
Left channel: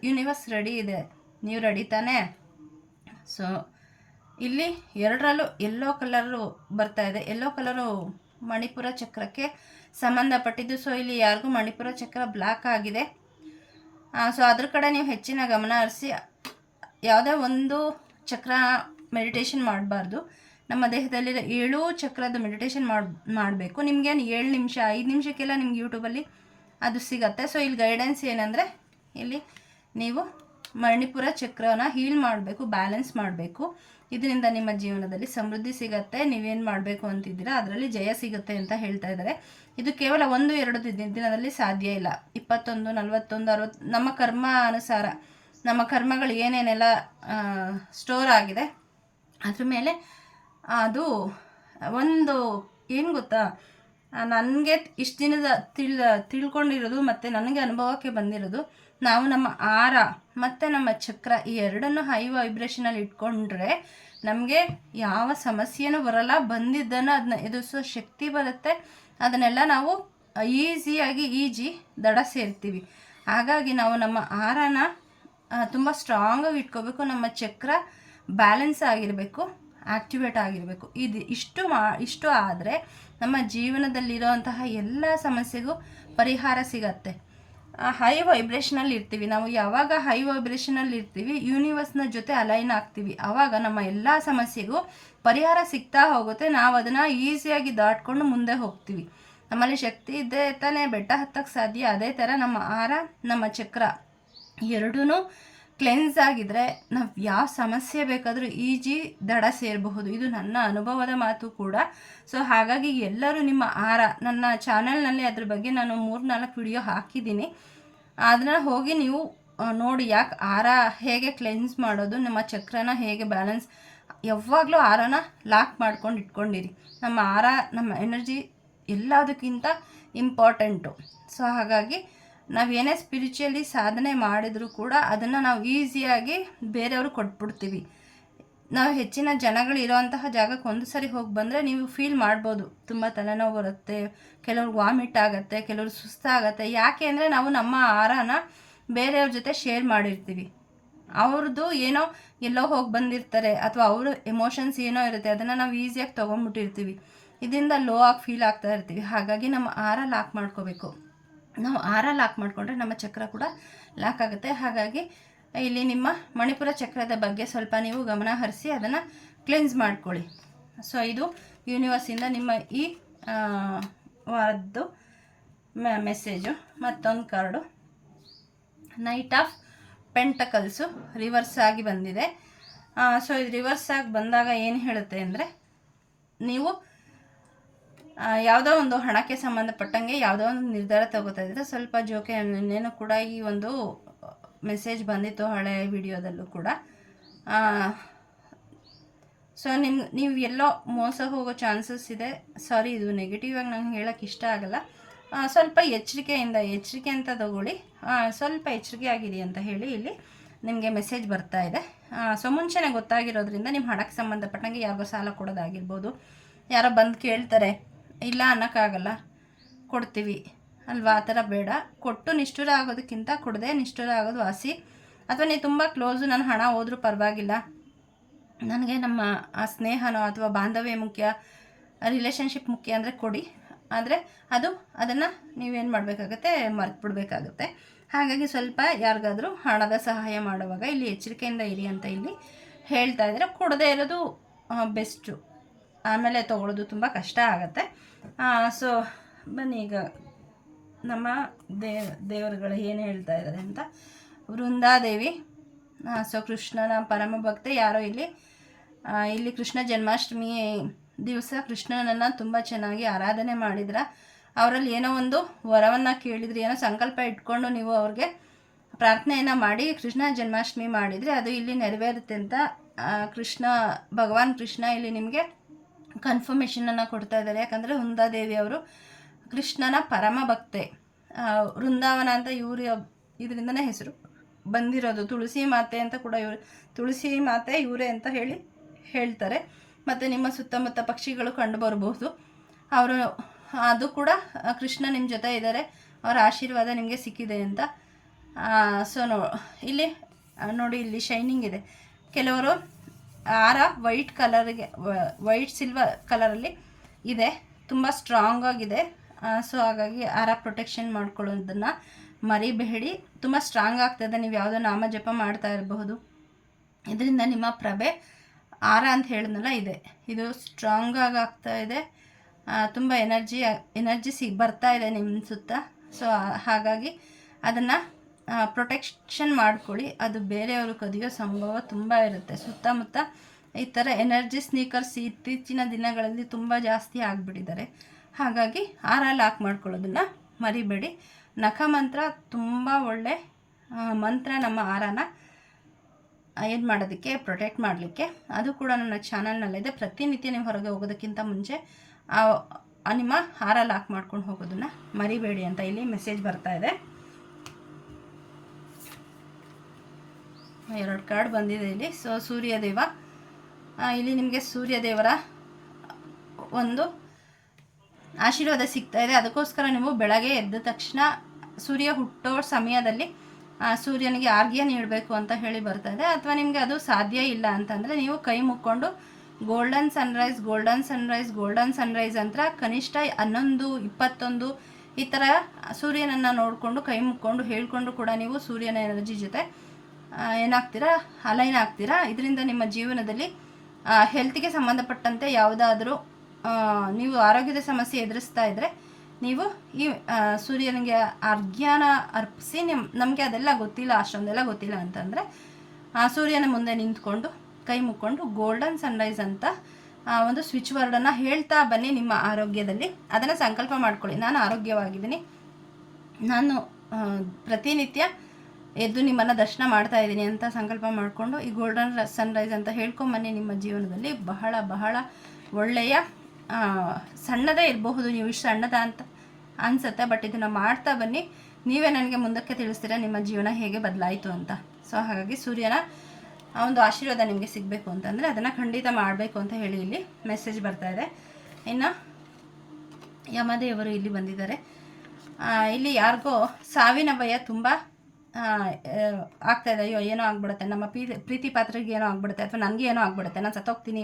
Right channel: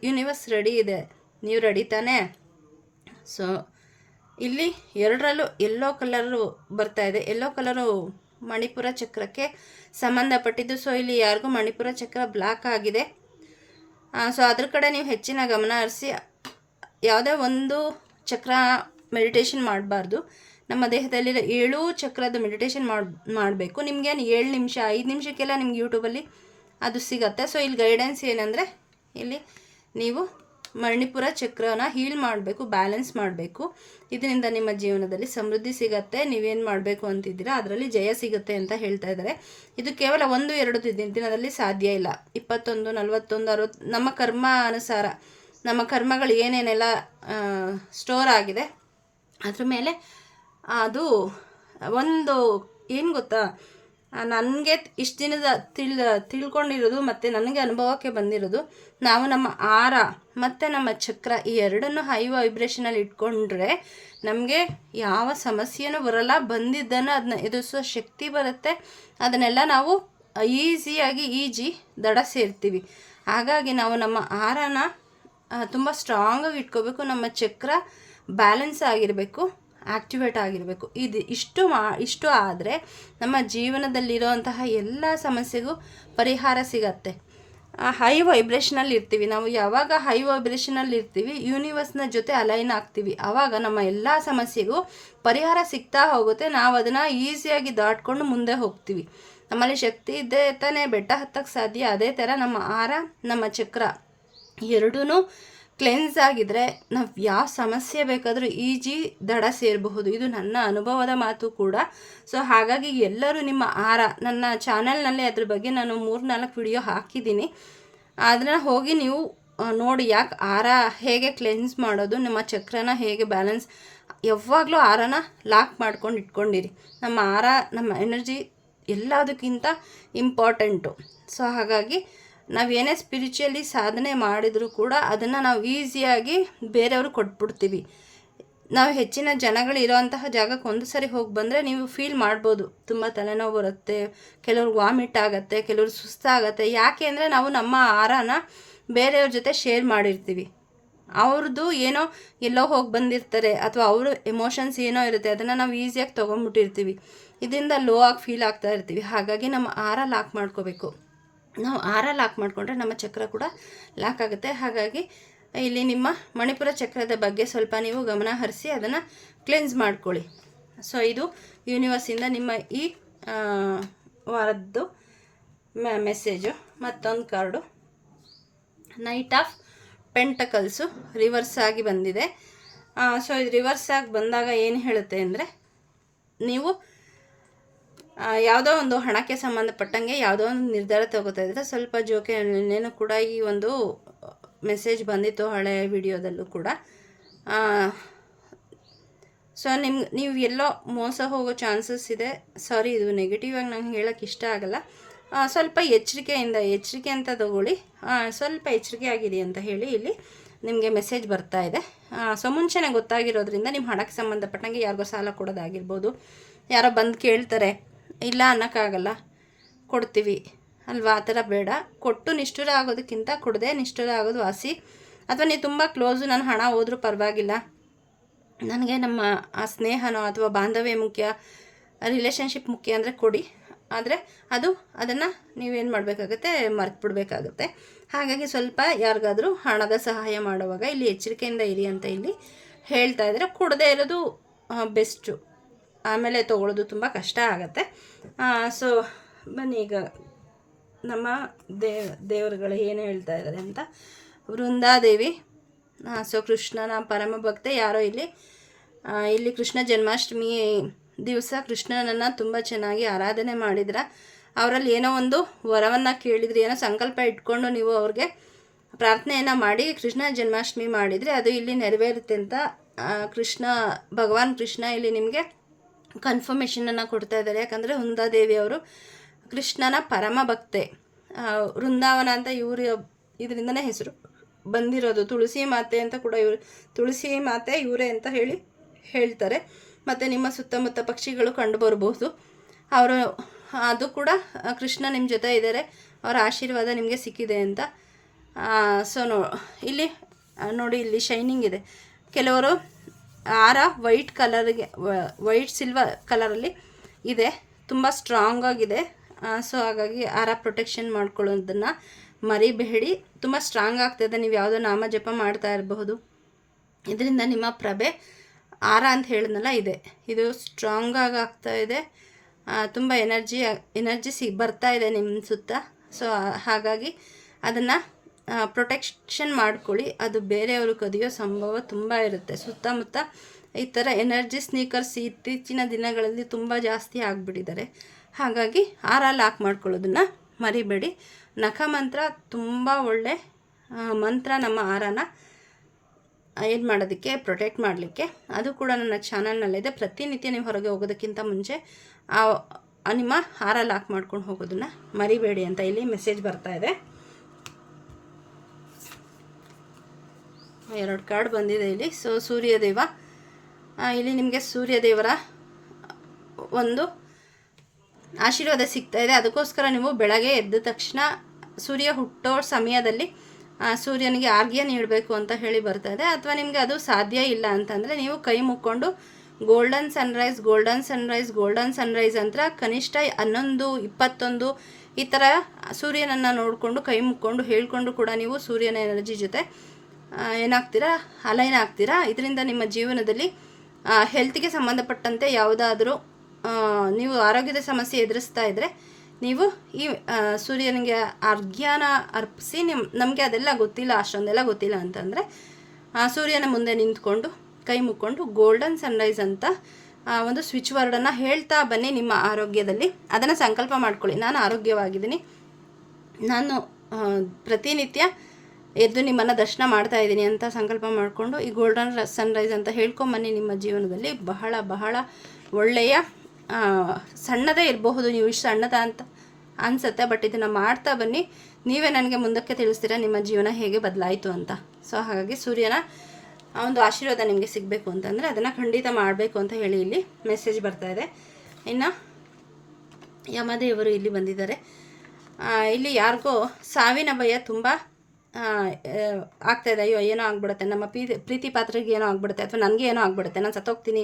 ಯೂನಿವರ್ಸ್ ರೆಡಿ ಇದೆ. ನೀವು ರೆಡಿ ತಾನೇ? ಸೊ ಇಲ್ಲಿ ಎರಡರಲ್ಲೂ ಎಲ್ಲೋ ಕಲರು ಬರ್ತಾ ಇದೆ. ಎಲ್ಲೋ ಕಲರು ಮಣಿಪುರ ಚಕ್ರಕ್ಕೆ ಸಂಬಂಧಪಟ್ಟಿದ್ದು. ಸೊ ಇಲ್ಲಿ ಯಾರಿಗೂ ಮಣಿಪುರ ಚಕ್ರ ಬ್ಲಾಕ್ ಆಗಿದೆ. ಸೊ ಅದ್ರ ಕಡೆ ನೀವು ಹೆಚ್ಚಿನ ಗಮನ ಹರಿಸಿ, ಯಾವುದೇ ಒಂದು ಚಕ್ರ ಮೆಡಿಟೇಷನ್ ಮಾಡಬಾರ್ದು. ನಮ್ಮ ದೇಹದಲ್ಲಿ ಏಳು ಚಕ್ರದ ಮೆಡಿಟೇಷನ್ ಮಾಡಿ, ಮಾಡಬೇಕು. ನಿಮಗೇನು ಏಳು ನಿಮಿಷ, ಐದು ನಿಮಿಷಕ್ಕೆಲ್ಲ ನಿಮ್ಗೆ ಯೂಟ್ಯೂಬಲ್ಲಿ ಅದು ಸಿಗತ್ತೆ. ಸೊ ಇಲ್ಲಿ ಗೈಡೆನ್ಸ್ ಏನಂದರೆ, ಇಲ್ಲಿ ನೀವು ಮಣಿಪುರ ಚಕ್ರನ ಹೀಲ್ ಮಾಡಬೇಕು ಬ್ಯಾಲೆನ್ಸ್ ಮಾಡಬೇಕು. ಇದರಿಂದ ನಿಮ್ಮ ಜೀವನದಲ್ಲಿ ಸಮೃದ್ಧಿ ಸಿಗತ್ತೆ, ನೀವೇನು ಮಾಡಬೇಕು ಅಂತಿದ್ದೀರಾ, ಅದರಲ್ಲಿ ಜಯ ಸಿಗುತ್ತೆ ಅಂತ ಹೇಳ್ತಾ ಇದ್ದಾರೆ. ಇದು ಕೇವಲ ಒಂದು, ಎರಡು ದಿನದಲ್ಲಿ ಸಾಧ್ಯ ಇಲ್ಲ. ಇಪ್ಪತ್ತೊಂದು, ನಲವತ್ತೊಂದು ಅರವತ್ತು ನಮ್ಮ ಕರ್ಮ ಅನುಸಾರ, ನಮ್ಮ ಕರ್ಮಗಳು ಏನೇನೆಲ್ಲ ಸ್ಟೋರ್ ಆಗಿದೆ, ಅದ್ರ ಮೇಲೆ ಅದು ಒಂದು, ಏನು ಗೊತ್ತಾ? ನನಗೆ ಇಷ್ಟು ದಿನದ ತಿಳ್, ತಿಳ್ಕೊಂಡಿರೋದು ಮತ್ತು ನನಗೆ ಅನುಭವಕ್ಕೆ ಬಂದಿರೋದು, ನಾವು ನಮ್ಮ ಆರ ಮತ್ತು ನಮ್ಮ ಚಕ್ರ ಈ ಎರಡನ್ನು ಹೈ ವೈಬ್ರೇಷನಲ್ಲಿ ಇಟ್ಕೊಂಡ್ರೆ ನಮಗೆ ಯಾವ ಸಮಸ್ಯೆನೂ ಬರಲ್ಲ, ಬಂದಿದ್ದನ್ನು ಅದನ್ನ ಎದುರಿಸೋ ಶಕ್ತಿ ಬರುತ್ತೆ, ಅದನ್ನೆಲ್ಲ ನಾವು ಈಸಿಯಾಗಿ ಈಜಿ ದಡ ಸೇರ್ತೀವಿ. ಹಾಗಾಗಿ ನಾವು ನಮ್ಮ ಆರನ ತುಂಬ ಸ್ಟ್ರಾಂಗಾಗಿ ಇಟ್ಕೋಬೇಕು, ನಮ್ಮ ಚಕ್ರ ಬ್ಯಾಲೆನ್ಸ್ ಆಗಿರಬೇಕು. ಆ್ಯಕ್ಟಿವೇಟ್ ಆಗಿರಬೇಕು. ಇದು ಇಷ್ಟು ಮಾ, ಇಷ್ಟು ಆದರೆ ನಮ್ಮ ಜೀವನದಲ್ಲಿರುವಂತಹ ಎಲ್ಲ ಸಮಸ್ಯೆಗೂ ಪರಿಹಾರ ಸಿಗತ್ತೆ. ಹೈ ವೈಬ್ರೇಷನಲ್ಲಿ ಇರ್ತೀವಿ. ನಾವು ಯಾವಾಗ ಹೈ ವೈಬ್ರೇಷನಲ್ಲಿ ಇರ್ತೀವಿ ಯೂನಿವರ್ಸ್ನ ಜೊತೆ ಅಲೈನ್ ಆಗ್ತೀವಿ. ಆವಾಗ ನಮ್ಮ ಎಲ್ಲ ಸಮಸ್ಯೆಗೂ ಪರಿಹಾರ ಸಿಗ್ತಾ ಹೋಗುತ್ತೆ. ನಾವು ಅದನ್ನು ಈಸಿಯಾಗಿ ದಾಟ್ಕೊಂಡು ಮುಂದೆ ಹೋಗ್ತೀವಿ. ನಮ್ಮಲ್ಲಿ ಶಕ್ತಿ ಇದ್ದೇ ತಾನೇ ಬೆಟ್ಟ ಹತ್ತಕ್ಕೆ ಸಾಧ್ಯ. ಅದೇ ಥರ ನಮ್ಮ ಆಹಾರ ನಮ್ಮ ಚಕ್ರ ಎರಡೂ ಕ್ಲೆನ್ಸ್ ಆಗಿದ್ರೆ ನಾವು ಯಾವ ಸಮಸ್ಯೆ ಬೇಕಾದರೂ ಈಜಿ ದಡ ಸೇರಬಹುದು. ಇದು ನನ್ನ ಅನುಭವದ ಮಾತು ಕೂಡ. ಸೊ ಹಾಗಾಗಿ ಎಲ್ಲರೂ ನಿಮ್ಮ ಆರ ನನ್ನ ಚಾನೆಲ್ನಲ್ಲಿ ಅದ್ರ ಬಗ್ಗೆ ನಾನು ಮೂರು ನಾಲ್ಕು ವಿಡಿಯೋ ಹಾಕಿದ್ದೀನಿ. ಅದನ್ನ ಹೋಗಿ ನೀವು ನೋಡಿ ಯಾಕೆ ಆರ ಹೇಗೆ ಕ್ಲೆನ್ಸ್ ಮಾಡೋದು, ನಮ್ಮ ಚಕ್ರನ ಹೇಗೆ ಬ್ಯಾಲೆನ್ಸ್ ಯಾವಾಗಲೂ ಆರನ ಲಾಕ್ ಮಾಡ್ಕೊಂಡು ಇಟ್ಕೊಂಡಿರಿ. ನಮ್ಮ ಆರ ನಮ್ಮ ಎನರ್ಜಿ ಎಲ್ಲದಕ್ಕಿಂತ ಇಂಪಾರ್ಟೆಂಟು ಸೊ ಹಾಗಾಗಿ ನಾವೇನೇ ಸ್ಪಿರಿಚುವಲಿ ಸಾಧನೆ ಮಾಡಿದರೂ ಕೂಡ ಅದನ್ನು ನಾವು ಈಸಿಯಾಗಿ ಬೇರೆಯವರು ಕೊಟ್ಬಿಡ್ತೀವಿ. ನಾವು ಹೆಚ್ಚಿನ ಜನಗಳು ಇರೋವಂತಹ ಜಾಗಕ್ಕೆ ಒಂದು ಸರಿ ಹೋಗಿ ಬಂದರೆ ನೀವು ಫೀಲ್ ಮಾಡ್ಬೋದು. ತುಂಬ ತಲೆನೋವು ಬರುತ್ತೆ ಕೆಲವ್ರಿಗೆ ವಾಮಿಟ್ ಆಗುತ್ತೆ, ಕೆಲವ್ರು ಸುಸ್ತಾಗತ್ತೆ. ಯಾಕೆ ಅಂದರೆ ನಾವು ನಮ್ಮ ಆಹಾರನ ಬೇರೆಯವ್ರ ಜೊತೆ ಶೇರ್ ಮಾಡಿರ್ತೀವಿ. ಅವ್ರದ್ದು ಏನೋ ಎಲ್ಲೋ ಹೋಗಿ ಬಂದಿರ್ತಾರೆ ಅಥವಾ ಅವರು ಎಮೋಷನ್ಸ್ ಏನೋ ಇರುತ್ತೆ ಅದನ್ನು ನಾವು ಈಸಿಯಾಗಿ ತೊಗೊಂಡ್ಬಿಟ್ಟಿರ್ತೀವಿ ಇದರಿಂದ ಲೋ ಆಗಿ ಫೀಲ್ ಆಗ್ತಾ ಇರ್ತೀವಿ. ಹಾಗಾಗಿ ನಮ್ಮ ಆಹಾರ ಲಾಕ್ ಮಾಡ್ಕೋಬೇಕು. ನಾವು ಆರ ಲಾಕ್ ಮಾಡಿಕೊಂಡ್ರೆ ನಮ್ಮ ಚಕ್ರ ಕೂಡ ಲಾಕ್ ಆಗುತ್ತೆ. ಹಾಗಾಗಿ ಇಲ್ಲಿ ನಿಮ್ಮ ಮಣಿಪುರ ಚಕ್ರದ ಬಗ್ಗೆ ಸ್ವಲ್ಪ ನೀವು ಗಮನ ಹರಿಸಿ ಅದನ್ನು ಕ್ಲೆನ್ಸ್ ಮಾಡ್ಕೊಳ್ಳಿ. ಸೊ, ಇದು ಯೂನಿವರ್ಸಿಂದ ನಿಮ್ಮ ಈ ವಾರದ್ದು ಮೆಸೇಜು, ಮತ್ತೊಂದು card. Night of pentacles reverse ಆಗಿ ಬಂದಿದೆ. ಸೊ, ಇದು ರಿವರ್ಸ್ ಆಗಿ ಬಂದಾಗ ಏನು ಹೇಳುತ್ತೆ ಅಂದರೆ, ನೀವು ಯಾವುದೋ ಒಂದು ಹಣಕ್ಕೆ ಸಂಬಂಧಪಟ್ಟಂಗೆ ಯಾವುದೋ ಒಂದು ನಿರ್ಧಾರ ತಗೋತಾ ಸ್ವಲ್ಪ ಜೋಕೆ ಇನ್ನೇನು ಕೂಡ ಈ ಒಂದು ಮೆಸೇಜ್ ಬಂದಿತ್ತು ಹಳೆ ವಿಡಿಯೋದಲ್ಲೂ ಕೂಡ. ಸೊ ನಿಮ್ಮ ನೀವು ಎಲ್ಲೋ ಮೋಸ ಹೋಗೋ ಚಾನ್ಸಸ್ ಇದೆ. ಸಾರಿ ಇದು ನೆಗೆಟಿವ್ ಆಗಿ ನಂಗೆ ಹೇಳೋಕ್ಕೆ ಇಷ್ಟ ಆಗಲ್ಲ. ಸ್ವಲ್ಪ ಎಚ್ಚರಿಕೆಯಿಂದ, ಎಚ್ಚರಿಕೆ ಅಂತ ತಗೊಳ್ಳಿ. ಸ್ವಲ್ಪ ಎಚ್ಚರಿಕೆ ಆಗಿದೆ ಅಂತ ಹೇಳಿ ಇಲ್ಲಿ ನಿಮಗೆ ಮೆಸೇಜ್ ಬರ್ತಾ ಇದೆ. ಸೊ ಮುಂಚೆನೇ ಗೊತ್ತಾಗಿರೋದ್ರಿಂದ ನಿಮ್ಮ ಹಣಕ್ಕೆ ಸಂಬಂಧಪಟ್ಟಂಗೆ ಯಾರಿಗೋ ಸಾಲ ಕೊಡೋದಾಗಿರ್ಬೋದು, ಯಾರೋ ಬಂದು ಕೇಳ್ತಾರೆ. ಇಲ್ಲ ಅನ್ನೋಕ್ಕಾಗಲ್ಲ. ಕೊಡ್ತೀವಿ. ಅಲ್ವಾ? ಆ ಥರ ಬೇಡ. ಕೊಟ್ಟು ನಿಷ್ಠುರ ಆಗೋದಕ್ಕಿಂತ ಕೊಡದೆ ನಿಷ್ಠುರ ಆಗೋದು ವಾಸಿ. ಅಥವಾ ನೀವು ತುಂಬ ಕ್ಲೋಸು ನನ್ನ ಹಣ ಹೋದರೂ ಪರವಾಗಿಲ್ಲ. ನನಗೆ ನಮ್ಮ ಆ ಸ್ನೇಹನೋ ಅಥವಾ ಬಾಂಧವ್ಯ ಮುಖ್ಯ ರಿಲೇಷನ್ಶಿಪ್ ಮುಖ್ಯ ಅಂದರೆ ಕೊಡಿ. ಆದರೆ ಅದು, ಅದನ್ನು ನೀವೇನು ಮಾಡಬೇಕಾಗತ್ತೆ? ಮರ್ತು ಬಿಡಬೇಕಾಗತ್ತೆ ಹಾಗಾಗಿ ಸ್ವಲ್ಪ ಯಾರಿಗಾದರೂ ಹಣದ ಸಹಾಯ ಮಾಡುವಾಗ ಇಲ್ಲಿ ಎಚ್ಚರಿಕೆಯಿಂದ ಇರಿ ಅಂತ ಇಲ್ಲಿ ಹೇಳ್ತಾ ಇದ್ದಾರೆ ಕೊಡದೇ ಇರೋದು ಬೆಸ್ಟು ಆಮೇಲೆ ತೊಗೊಳೋದು ತುಂಬ ಕಷ್ಟ ಆಗುತ್ತೆ. ಸೊ ಬನ್ನಿ ಈಗ ನಮ್ಮ ದೇವ ದೇವರುಗಳು ಏನು ಹೇಳ್ತಾ ಇದ್ದಾರೆ ಅಂತ. ವೃಂದಾದೇವಿ ಸೊ ಕೃಷ್ಣನ ಪರಮ ಭಕ್ತೆ ಯಾರೋ ಇಲ್ಲಿ. ಇಲ್ಲಿ ಕೃಷ್ಣ ಜನ್ಮಾಷ್ಟಮಿ ದಿವಸ ಕೃಷ್ಣನನ್ನು ತುಂಬ ಚೆನ್ನಾಗಿ ಆರಾಧನೆ ಮಾಡಿದ್ರ. ಅವರಲ್ಲಿ ಏನೋ ಒಂದು ವರವನ್ನು ಕೇಳಿದ್ರಿ, ಏನೋ ಸಂಕಲ್ಪ ಇಟ್ಕೊಂಡು ನೀವು ಅವ್ರಿಗೆ ಪ್ರಾರ್ಥನೆಯನ್ನು ಮಾಡಿ ಕೃಷ್ಣ ಜನ್ಮಾಷ್ಟಮಿ ಮಾಡಿದರೆ ಅದು ಇಲ್ಲಿ ನೆರವೇರುತ್ತೆ ಅಂತ ಕೃಷ್ಣ, ಭಗವಾನ್ ಕೃಷ್ಣ ಇಲ್ಲಿ ನಿಮಗೆ ಕನ್ಫರ್ಮೇಷನನ್ನು ಕೊಡ್ತಾ ಇದ್ದಾರೆ. ಯಾಕಂದರೆ ವೃಂದಾದೇವಿ ಅವರು ಕೃಷ್ಣನ ಪರಮ ಭಕ್ತೆ. ವೃಂದಾವನ ಅಂತ ಇವರು ಇದರಿಂದನೇ ಹೆಸರು ಬಂದಿರೋದು. ತುಳಸಿ ಮಾತೆ ಅಂತ ಕೂಡ ಇವರು ತುಳಸಿ ಮಾತೆ ಇವರೇ ಅಂತ ಹೇಳಿ ಹೇಳ್ತಾರೆ. ಮತ್ತು ನಿಮ್ಮ ಸುತ್ತಮುತ್ತ ಪಕ್ಷಿಗಳು ಕಂಡು ಬರಬಹುದು ಅವರು ಅದು ಕೂಡ ಕೃಷ್ಣ ನಿಮ್ಮ ಜೊತೆ ಇದ್ದಾರೆ. ಅವರ ಆಶೀರ್ವಾದ ನಿಮಗೆ ಸಿಕ್ಕಿದೆ ಅಂತ. ಸೊ ನೋ ಇಲ್ಲಿ ನೋಡಿ, ಇಲ್ಲಿ ಶೈನಿಂಗ್ ಇದೆ. ಕೆಲವರು ಆರ ವೈಟ್ ಕಲರ್ಗೆ ವೈಟ್ ಸಿಲ್ವರ್ ಕಲರಲ್ಲಿ ಇದೆ. ತುಂಬ ಸ್ಟ್ರಾಂಗ್ ಆಗಿದೆ. ಸೊ ಹಾಗಾಗಿ ಆರ ಪ್ರೊಟೆಕ್ಷನ್ ಮಾಡ್ಕೊಳ್ಳೋದನ್ನು ಮರಿಬೇಡಿ. ತುಂಬ ಸ್ಟ್ರಾಂಗ್ ಆಗ್ತದೆ ನೀವು ಯಾವುದೋ ನಾಮ ಜಪ ಮಾಡ್ತಾ ಇರಬಹುದು. ಇದರಿಂದ ನಿಮ್ಮ ಪ್ರಭೆ ಆರ ಅಂತ ಹೇಳಿದ್ನಲ್ಲ, ಇದೆ. ಇದು ಸ್ಟ್ರಾಂಗಾಗಿ ಆಗ್ತಾ ಇದೆ. ತುಂಬ ಎನರ್ಜಿ ಎನರ್ಜಿ ಸಿ ಬರ್ತಾ ಇದೆ ನಿಮ್ಮ ಸುತ್ತ. ಸೊ ಹಾಗಾಗಿ ಅದನ್ನು ಪ್ರೊಟೆಕ್ಷನ್ ಮಾಡ್ಕೊಳ್ಳಿ. ಅದು ಬೇರೆಯವರು ಕದಿಯೋ ಸಂಭವ ತುಂಬ ಇರುತ್ತೆ. ಸುತ್ತಮುತ್ತ ಈ ಥರ ಎನರ್ಜಿ ಸ್ನೀಕರ್ಸ್ ಇತ್ತೀಚಿನ ದಿನಗಳಲ್ಲಿ ತುಂಬ ಜಾಸ್ತಿ ಆಗಿಬಿಟ್ಟಿದ್ದಾರೆ. ಹಾಗಾಗಿ ಆರ ಲಾಕ್ ಮಾಡ್ಕೊಳ್ಳೋದನ್ನು ಮರಿಬೇಡಿ. ನಖ ಮಂತ್ರ ತುಂಬ ಒಳ್ಳೆ ಮಂತ್ರ ನಮ್ಮ ಆರನ ಏನು ಮಾಡೋದಕ್ಕೆ ಪ್ರೊಟೆಕ್ಟ್ ಮಾಡಲಿಕ್ಕೆ. ಅದು ಕೂಡ ನನ್ನ ಚಾನಲ್ನಲ್ಲಿದೆ ಪ್ರತಿನಿತ್ಯ ನೀವು ಹೊರಗೆ ಹೋಗೋದಕ್ಕಿಂತ ಮುಂಚೆ ಆ, ನಿಮ್ಮ ಹಾರ ಲಾಕ್ ಮಾಡ್ಕೊಂಡು ಹೋಗೋದನ್ನು ಮರಿಬೇಡಿ ಅಂತ ಇಲ್ಲಿ ಮೆಸೇಜ್ ಬರ್ತಾ ಇದೆ. ಎರಡು ಕಾರ್ಡ್ ಬಂದಿದೆ ಇಲ್ಲಿ. ಸೊ, ಸೂರ್ಯದೇವ. ಇಲ್ಲಿ ನಿಮಗೆ ಸೂರ್ಯದೇವರ ಒಂದು ಆಶೀರ್ವಾದ ಸಿಗ್ತಾ ಇದೆ. ಅದಕ್ಕೋಸ್ಕರ ನೀವು ಬೆಳಗ್ಗೆ ಎದ್ದ ತಕ್ಷಣ ಸೂರ್ಯ ಹುಟ್ಟೋ ಸಮಯದಲ್ಲಿ ಸೂರ್ಯನಿಗೆ ಆರ್ಘ್ಯ ನೀಡಬೇಕು ಅಂತ ಹೇಳಿ ಬರ್ತಾ ಇದೆ. ಅಥವಾ ನಿಮಗೆ ಅದು ಸಾಧ್ಯ ಇಲ್ಲ ಅಂತಂದರೆ ನೀವು ಕೈ ಮುಕ್ಕೊಂಡು golden sunrise golden sunrise golden sunrise ಅಂತ ಕನಿಷ್ಠ ಹನ್ನೊಂದು, ಇಪ್ಪತ್ತೊಂದು ಈ ಥರ ಸೂರ್ಯನನ್ನು ನೋಡಿಕೊಂಡು, ಕೈ ಮುಕ್ಕೊಂಡು, ಹೇಳಿಕೊಂಡು ಕೂಡ ನೀವು ಸೂರ್ಯನ ಎನರ್ಜಿ ಜೊತೆ ಏನಾಗ್ತೀರಾ? ಅಲೈನ್ ಆಗ್ತೀರಾ? ಇದರಿಂದ ನಿಮ್ಮ ಜೀವನದಲ್ಲಿ ಹೆಲ್ತ್ಗೆ ಸಂಬಂಧಪಟ್ಟಂತೆ ಯಾವುದಾದರೂ ನೀವು ಆರೋಗ್ಯದ ಸಮಸ್ಯೆ ಎದುರಿಸ್ತಾ ಇದ್ದರೆ ನೀವು ಈ ಸೂರ್ಯನಿಗೆ ಅರ್ಘ್ಯಾನ ಅರ್ಪಿಸಿ ನಿಮ್, ನಮಗೆ ಅದೆಲ್ಲ ಗೊತ್ತಿಲ್ಲ, ಅಷ್ಟೊಂದೆಲ್ಲ ಗೊತ್ತಿಲ್ಲ ಅಂತಂದರೆ, ಆ ಸೂರ್ಯನ ಮುಂದೆ ನಿಂತ್ಕೊಂಡು, ಕೈ ಮುಕ್ಕೊಂಡು ಗೋಲ್ಡನ್ ಸನ್ರೈಸ್ ಅಂತ ಒಂದು ಸ್ವಿಚ್ ವರ್ಡನ್ನು ಹೇಳ್ತಾ ಬನ್ನಿ ನಿಮ್ಮ ಆರೋಗ್ಯದಲ್ಲಿ. ಅದನ್ನು ಸಂಕಲ್ಪ ಮಾಡ್ಕೊಳ್ಳಿ. ನಾನು ಆರೋಗ್ಯವಾಗಿದ್ದೀನಿ. ನಾನು ಪ್ರತಿನಿತ್ಯ ಎದ್ದು ನಿಮ್ಮನ್ನು ದರ್ಶನ ಮಾಡ್ತಾ ಇದ್ದೀನಿ ಅಂತ ಸಂಕಲ್ಪ ಮಾಡಿಕೊಂಡು ಈ ಗೋಲ್ಡನ್ ಸನ್ರೈಸ್ ಅಂತ ಹೇಳ್ಕೊಂಬನ್ನಿ ನಿಮ್ಮ ಜೀವನದಲ್ಲಿ. ಬಹಳ ಬಹಳ ಒಳ್ಳೆಯ ಸಣ್ಣದೇ ಇರಬಹುದು. ನೀವು ಇಷ್ಟು ಸಣ್ಣದ ಅಂತ ಅನಿಸುತ್ತೆ ಬಟ್ ಇದನ್ನು ಮಾಡ್ತಾ ಬನ್ನಿ. ನೀವೇ ನನಗೆ ಮುಂದಕ್ಕೆ ತಿಳಿಸ್ತೀರಾ ನಿಮ್ಮ ಜೀವನ ಹೇಗೆ ಬದಲಾಯಿತು ಅಂತ. ಸೊ ಹಾಗಾಗಿ ಸೂರ್ಯನ ಆ ಒಂದು ಆಶೀರ್ವಾದ ನಿಮಗೆ ಸಿಗಬೇಕು ಅಂತಂದರೆ ಅದನ್ನು ಖಂಡಿತ ಮಾಡಬೇಕು ಅಂತ ಹೇಳಿ ಇಲ್ಲಿ ಮೆಸೇಜ್ ಬರ್ತಾ ಇದೆ. ಇನ್ನು ಯಮದೇವರು ಇಲ್ಲಿ ಬಂದಿದ್ದಾರೆ. ಇಲ್ಲಿ ಯಾರಿಗೋ ಸಾವಿನ ಭಯ ತುಂಬ ಆಗ್ತಾ ಇದೆ ಅಯ್ಯೋ, ಏನೋ ಆಗ್ಬಿಡುತ್ತೆ, ನಮ್ಮ ಪ್ರೀತಿ ಪ್ರೀತಿ ಪಾತ್ರಿಗೆ ಏನೋ ಆಗ್ಬಿಡುತ್ತೆ, ಅಥವಾ ನನಗೆ ಏನೋ ಆಗ್ಬಿಡುತ್ತೆ, ನಾನು ಸತ್ತೋಗ್ತೀನಿ,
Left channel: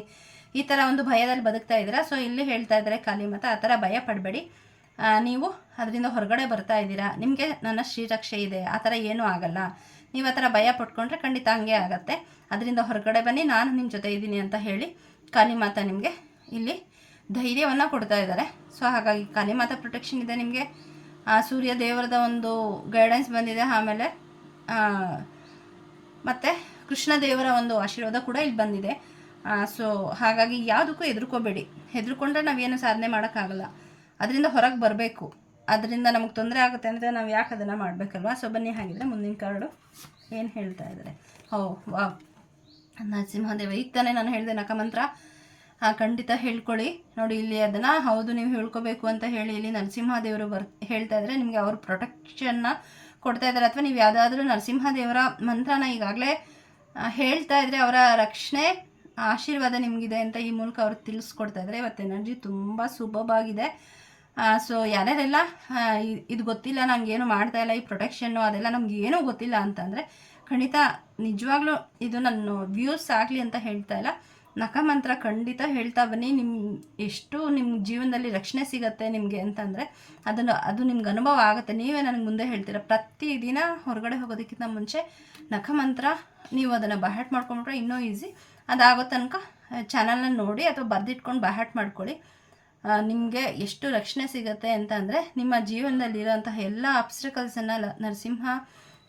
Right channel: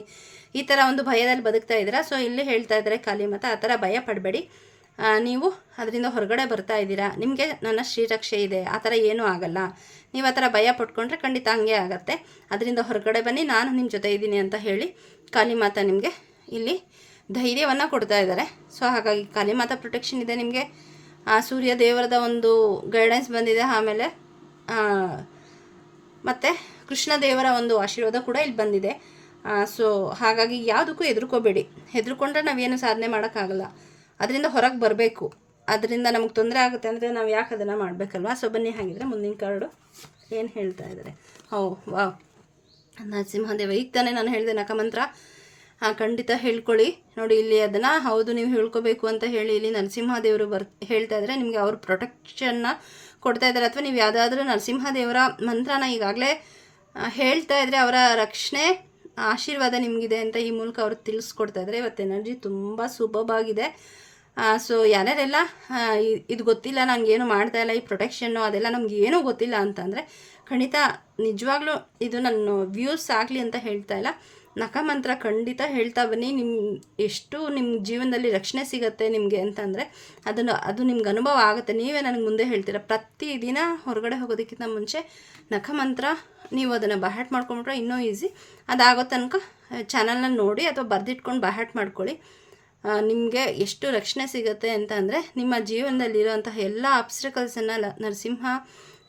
ಈ ಥರ ಒಂದು ಭಯದಲ್ಲಿ ಬದುಕ್ತಾ ಇದ್ದೀರಾ? ಸೊ ಇಲ್ಲಿ ಹೇಳ್ತಾ ಇದ್ದಾರೆ ಖಾಲಿ ಮತ ಆ ಥರ ಭಯ ಪಡಬೇಡಿ. ನೀವು ಅದರಿಂದ ಹೊರಗಡೆ ಬರ್ತಾ ಇದ್ದೀರಾ? ನಿಮಗೆ ನನ್ನ ಶ್ರೀರಕ್ಷೆ ಇದೆ, ಆ ಥರ ಏನೂ ಆಗಲ್ಲ. ನೀವು ಆ ಥರ ಭಯ ಪಟ್ಕೊಂಡ್ರೆ ಖಂಡಿತ ಹಂಗೆ ಆಗತ್ತೆ. ಅದರಿಂದ ಹೊರಗಡೆ ಬನ್ನಿ, ನಾನು ನಿಮ್ಮ ಜೊತೆ ಇದ್ದೀನಿ ಅಂತ ಹೇಳಿ ಕಾಲಿಮಾತ ನಿಮಗೆ ಇಲ್ಲಿ ಧೈರ್ಯವನ್ನು ಕೊಡ್ತಾ ಇದ್ದಾರೆ. ಸೊ ಹಾಗಾಗಿ ಕಾಲಿಮಾತ ಪ್ರೊಟೆಕ್ಷನ್ ಇದೆ ನಿಮಗೆ. ಆ, ಸೂರ್ಯ ದೇವರದ ಒಂದು ಗೈಡೆನ್ಸ್ ಬಂದಿದೆ, ಆಮೇಲೆ ಮತ್ತು ಕೃಷ್ಣ ದೇವರ ಒಂದು ಆಶೀರ್ವಾದ ಕೂಡ ಇಲ್ಲಿ ಬಂದಿದೆ. ಸೊ ಹಾಗಾಗಿ ಯಾವುದಕ್ಕೂ ಹೆದರ್ಕೋಬೇಡಿ. ಹೆದರ್ಕೊಂಡ್ರೆ ನಾವೇನು ಸಾಧನೆ ಮಾಡೋಕ್ಕಾಗಲ್ಲ. ಅದರಿಂದ ಹೊರಗೆ ಬರಬೇಕು. ಅದರಿಂದ ನಮಗೆ ತೊಂದರೆ ಆಗುತ್ತೆ ಅಂದರೆ ನಾವು ಯಾಕೆ ಅದನ್ನು ಮಾಡಬೇಕಲ್ವಾ? ಸೊ ಬನ್ನಿ ಹಾಗಿದ್ರೆ ಮುಂದಿನ ಕಾರ್ಡು ಏನು ಹೇಳ್ತಾ ಇದ್ದಾರೆ ಹೌ ವಾ ನರಸಿಂಹದೇವ, ಈಗ ತಾನೇ ನಾನು ಹೇಳಿದೆ ನಕಮಂತ್ರ ಖಂಡಿತ ಹೇಳ್ಕೊಳ್ಳಿ. ನೋಡಿ, ಇಲ್ಲಿ ಅದನ್ನು ಹೌದು, ನೀವು ಹೇಳ್ಕೋಬೇಕು ಅಂತ ಹೇಳಿ ಇಲ್ಲಿ ನರಸಿಂಹದೇವರು ಬರ್, ಹೇಳ್ತಾ ಇದ್ದಾರೆ ನಿಮಗೆ ಅವ್ರ ಪ್ರೊಟೆಕ್ಷನ್ನ ಕೊಡ್ತಾ ಇದ್ದಾರೆ. ಅಥವಾ ನೀವು ಯಾವುದಾದ್ರೂ ನರಸಿಂಹದೇವರ ಮಂತ್ರನ ಈಗಾಗಲೇ ಹೇಳ್ತಾ ಇದ್ರೆ ಅವರ ರಕ್ಷಣೆ, ಆಶೀರ್ವಾದ ನಿಮಗಿದೆ ಅಂತ ಈ ಮೂಲಕ ಅವರು ತಿಳಿಸ್ಕೊಡ್ತಾ ಇದ್ದಾರೆ. ಇವತ್ತು ಎನರ್ಜಿ ತುಂಬ ಸುಭವಾಗಿದೆ ಸೊ ಇ- ಇದು ಗೊತ್ತಿಲ್ಲ ನನಗೇನು ಮಾಡ್ತಾ ಇಲ್ಲ, ಈ ಪ್ರೊಟೆಕ್ಷನ್ನು ಅದೆಲ್ಲ ನಮ್ಗೆ ಏನೂ ಗೊತ್ತಿಲ್ಲ ಅಂತಂದರೆ, ಖಂಡಿತ ನಿಜವಾಗ್ಲೂ ಇದು ನನ್ನ ವ್ಯೂಸ್ ಆಗಲಿ ಅಂತ ಹೇಳ್ತಾ ಇಲ್ಲ. ನಖಮಂತ್ರ ಖಂಡಿತ ಹೇಳ್ತಾ ಬನ್ನಿ. ನಿಮ್ಮ ಎಷ್ಟು ನಿಮ್ಮ ಜೀವನದಲ್ಲಿ ರಕ್ಷಣೆ ಸಿಗತ್ತೆ ನಿಮಗೆ ಅಂತಂದರೆ ಅದನ್ನು, ಅದು ನಿಮ್ಗೆ ಅನುಭವ ಆಗುತ್ತೆ. ನೀವೇ ನನಗೆ ಮುಂದೆ ಹೇಳ್ತೀರ, ಪ್ರತಿದಿನ ಹೊರಗಡೆ ಹೋಗೋದಕ್ಕಿಂತ ಮುಂಚೆ ನಖಮಂತ್ರ ನೀವು ಅದನ್ನು ಬಹ್ಯಾಟ್ ಮಾಡ್ಕೊಂಡ್ರೆ ಇನ್ನೂ ಈಸಿ. ಅದಾಗೋ ತನಕ ಚಾನಲ್ನ ನೋಡಿ ಅಥವಾ ಬರೆದಿಟ್ಕೊಂಡು ಬಹ್ಯಾಟ್ ಮಾಡ್ಕೊಳ್ಳಿ. ನಿಮಗೆ ಎಷ್ಟು ರಕ್ಷಣೆ ಸಿಗುತ್ತೆ ಅಂತ ಅಂದರೆ ನಿಮ್ಮ ಜೀವನದಲ್ಲಿರೋಂತಹ ಎಲ್ಲ ಅಬ್ಸ್ಟ್ರಕಲ್ಸನ್ನು ಲ, ನರಸಿಂಹ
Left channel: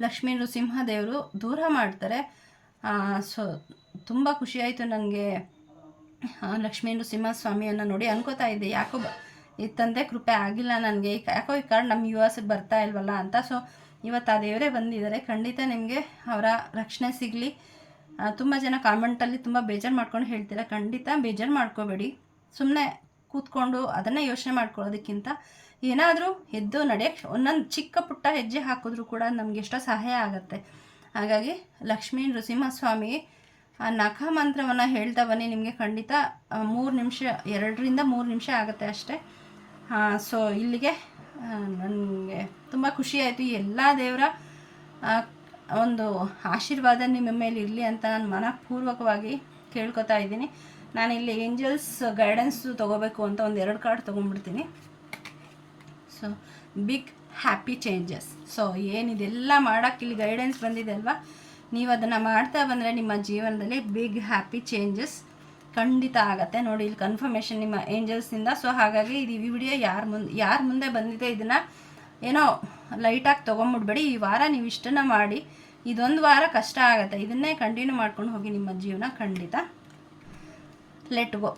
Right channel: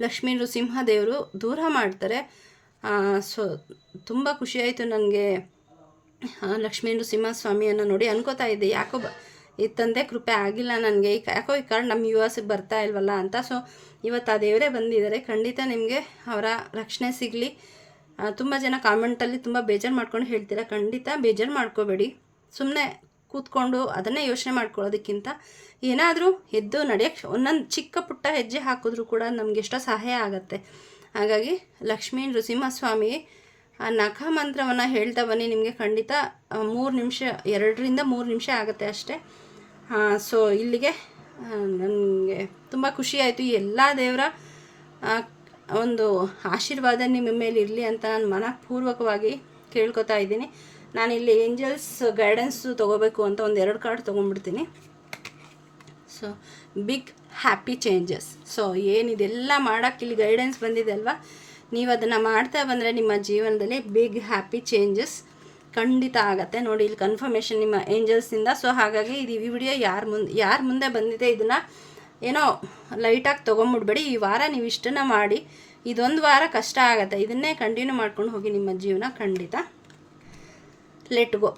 ಲಕ್ಷ್ಮೀ ನೃಸಿಂಹ ದೇವರು ದೂರ ಮಾಡ್ತಾರೆ. ಸೊ, ತುಂಬ ಖುಷಿಯಾಯಿತು ನನಗೆ ಲಕ್ಷ್ಮೀ ನೃಸಿಂಹಸ್ವಾಮಿಯನ್ನು ನೋಡಿ ಅನ್ಕೋತಾ ಇದ್ದೆ, ಯಾಕೋ ಈ ತಂದೆ ಕೃಪೆ ಆಗಿಲ್ಲ ನನಗೆ, ಈ ಯಾಕೋ ಈ ಕಾರಣ ನಮ್ಮ ಯು ಎಸ್ಗೆ ಬರ್ತಾ ಇಲ್ವಲ್ಲ ಅಂತ. ಸೊ, ಇವತ್ತು ಆ ದೇವರೇ ಬಂದಿದ್ದಾರೆ, ಖಂಡಿತ ನಿಮಗೆ ಅವರ ರಕ್ಷಣೆ ಸಿಗಲಿ. ತುಂಬ ಜನ ಕಾಮೆಂಟಲ್ಲಿ ತುಂಬ ಬೇಜಾರು ಮಾಡ್ಕೊಂಡು ಹೇಳ್ತೀರಾ, ಖಂಡಿತ ಬೇಜಾರು ಮಾಡ್ಕೋಬೇಡಿ. ಸುಮ್ಮನೆ ಕೂತ್ಕೊಂಡು ಅದನ್ನೇ ಯೋಚನೆ ಮಾಡ್ಕೊಳ್ಳೋದಕ್ಕಿಂತ ಏನಾದರೂ ಎದ್ದು ನಡೆಯೋಕ್ಕೆ ಒಂದೊಂದು ಚಿಕ್ಕ ಪುಟ್ಟ ಹೆಜ್ಜೆ ಹಾಕಿದ್ರೂ ಕೂಡ ನಮಗೆ ಎಷ್ಟೋ ಸಹಾಯ ಆಗುತ್ತೆ. ಹಾಗಾಗಿ ಲಕ್ಷ್ಮೀ ನೃಸಿಂಹಸ್ವಾಮಿ ಆ ನಖ ಮಂತ್ರವನ್ನು ಹೇಳ್ತಾ ಬನ್ನಿ, ನಿಮಗೆ ಖಂಡಿತ ಮೂರು ನಿಮಿಷ, ಎರಡರಿಂದ ಮೂರು ನಿಮಿಷ ಆಗುತ್ತೆ ಅಷ್ಟೇ. ಸೊ ಇಲ್ಲಿಗೆ ನನಗೆ ತುಂಬ ಖುಷಿಯಾಯಿತು ಎಲ್ಲ ದೇವರ ಒಂದು ಆಶೀರ್ವಾದ ನಿಮ್ಮ ಮೇಲೆ ಇರಲಿ ಅಂತ ನಾನು ಮನಃಪೂರ್ವಕವಾಗಿ ಕೇಳ್ಕೊತಾ ಇದ್ದೀನಿ. ಇಲ್ಲಿ ಏಂಜಲ್ಸ್ ಗೈಡೆನ್ಸು ತೊಗೋಬೇಕು ಅಂತ ಒಂದು ಎರಡು card ತೊಗೊಂಡ್ಬಿಡ್ತೀನಿ. So big happy changes so ಏನಿದೆಲ್ಲ ಮಾಡೋಕ್ಕೆ ಇಲ್ಲಿ ಗೈಡೆನ್ಸ್ ಬಂದಿದೆ ಅಲ್ವಾ? ನೀವು ಅದನ್ನು ಮಾಡ್ತಾ ಬಂದರೆ ನಿಮ್ಮ ಜೀವನದಲ್ಲಿ ಬಿಗ್ ಹ್ಯಾಪಿ ಚೇಂಜಸ್ ಖಂಡಿತ ಆಗುತ್ತೆ. ನೋಡಿ, ಇಲ್ಲಿ ಕನ್ಫರ್ಮೇಷನ್ ನಿಮ್ಮ ಏಂಜಲ್ಸಿಂದ ಸೊ ಹಾಗಾಗಿ ಇದು ಈ ವಿಡಿಯೋ ಯಾರ ಮುಂದೆ ಯಾರ ಮುಂದೆ ಬಂದಿದೆ ಇದನ್ನು ಏನೋ ಲೈಟಾಗಿ ತೊಗೊಂಬಿಡ್ಬೇಡಿ. ಈ ವಾರ ನೀವು ಇಷ್ಟನ್ನು ಮಾಡಿ. ಇದೊಂದು ವಾರ ಕಷ್ಟ ಆಗುತ್ತೆ. ಇದನ್ನೇ ಕಂಟಿನ್ಯೂ ಮಾಡ್ಕೊಂಡು ಹೋಗಿ ನಿಮ್ಮ ಜೀವನ ಖಂಡಿತ ಲೆಟ್ ಗೋ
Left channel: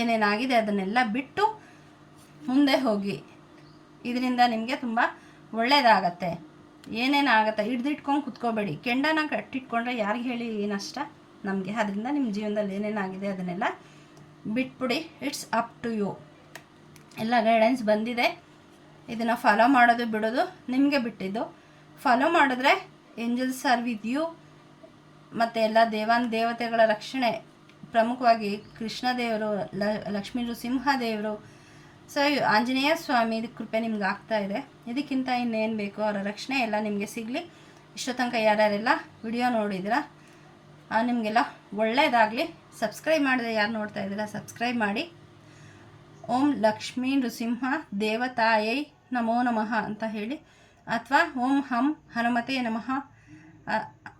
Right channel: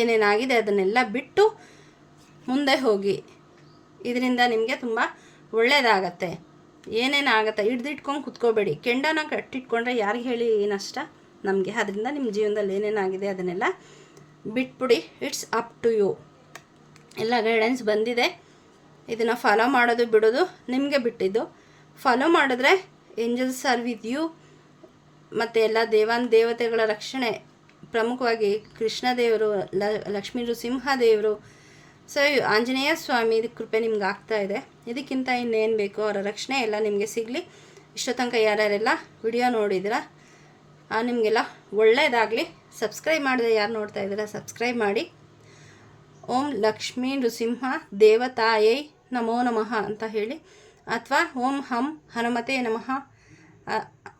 ಏನೇನಾಗಿದೆ ಅದನ್ನೆಲ್ಲ ಬಿಟ್ಟು ಮುಂದೆ ಹೋಗಿ. ಇದರಿಂದ ನಿಮಗೆ ತುಂಬ ಒಳ್ಳೆಯದಾಗತ್ತೆ ಏನೇನಾಗತ್ತೆ ಹಿಡ್ದಿಟ್ಕೊಂಡು ಕುತ್ಕೋಬೇಡಿ. ಕೆಂಡನ ಕಟ್ಟಿಟ್ಕೊಂಡ್ರೆ ಯಾರಿಗೆ ಹೇಳಿ ಏನಷ್ಟ ನಮಗೆ. ಅದರಿಂದ ನಿಮ್ಮ ಜೀವನದಲ್ಲಿ ಏನೇನಾಗಿದೆ ಅದನ್ನೆಲ್ಲ ಬಿಟ್ಬಿಡಿ. ಇಟ್ಸ್ ಅಪ್ ಟು ಯು ಎಲ್ಲ ಗೈಡೆನ್ಸ್ ಬಂದಿದೆ. ಇದನ್ನು ಫಾಲೋ ಮಾಡೋದು ಬಿಡೋದು ನಿಮಗೆ ಬಿಟ್ಟಿದ್ದು. ಫಾಲೋ ಮಾಡಿದ್ರೆ ಏಂಜಲ್ಸ್ ಆರ್ ವಿತ್ ಯು ಮತ್ತು ಎಲ್ಲ ದೇವಾನ್ ದೇವತೆಗಳ ರಕ್ಷಣೆ. ಪ್ರಮುಖವಾಗಿ ಕೃಷ್ಣ ದೇವರು, ಲ ಲಕ್ಷ್ಮೀ ನೃಸಿಂಹ ದೇವರು ಸೊ ಆಂಜನೇಯ ಸ್ವಾಮಿ ಕೃಪೆ ನಿಮ್ಗೆ ಆಗ್ತಾ ಇದೆ. ಇದಕ್ಕಿಂತ ಇನ್ನೇನು ಬೇಕು ಅವರ ರಕ್ಷಣೆ ಎಲ್ಲ ನಿಮಗೆ ಸಿಗಲಿ. ಇಷ್ಟೋ ತನಕ ಯಾರ್ಯಾರೆಲ್ಲ ವಿಡಿಯೋ ನೋಡಿದ್ದೀರಾ ಆ, ನಿಮಗೆಲ್ಲ ಒಳ್ಳೆಯದಾಗಲಿ ಸಬ್ಸ್ಕ್ರೈಬ್ ಮಾಡಿದ್ರೆ ಯಾರು ನೋಡ್ತಾ ಇದ್ದೀರಾ ಸಬ್ಸ್ಕ್ರೈಬ್ ಮಾಡಿ. ಓಂ ಲಕ್ಷ್ಮೀ ನೃಸಿಂಹ ದೇವತಾಯೈ ನಮೋ ನಮಃ ಅಂತ ಹೇಳಿ. ಅಥವಾ ಓಂ ಹಂ ಹನುಮತೆ ನಮಃ.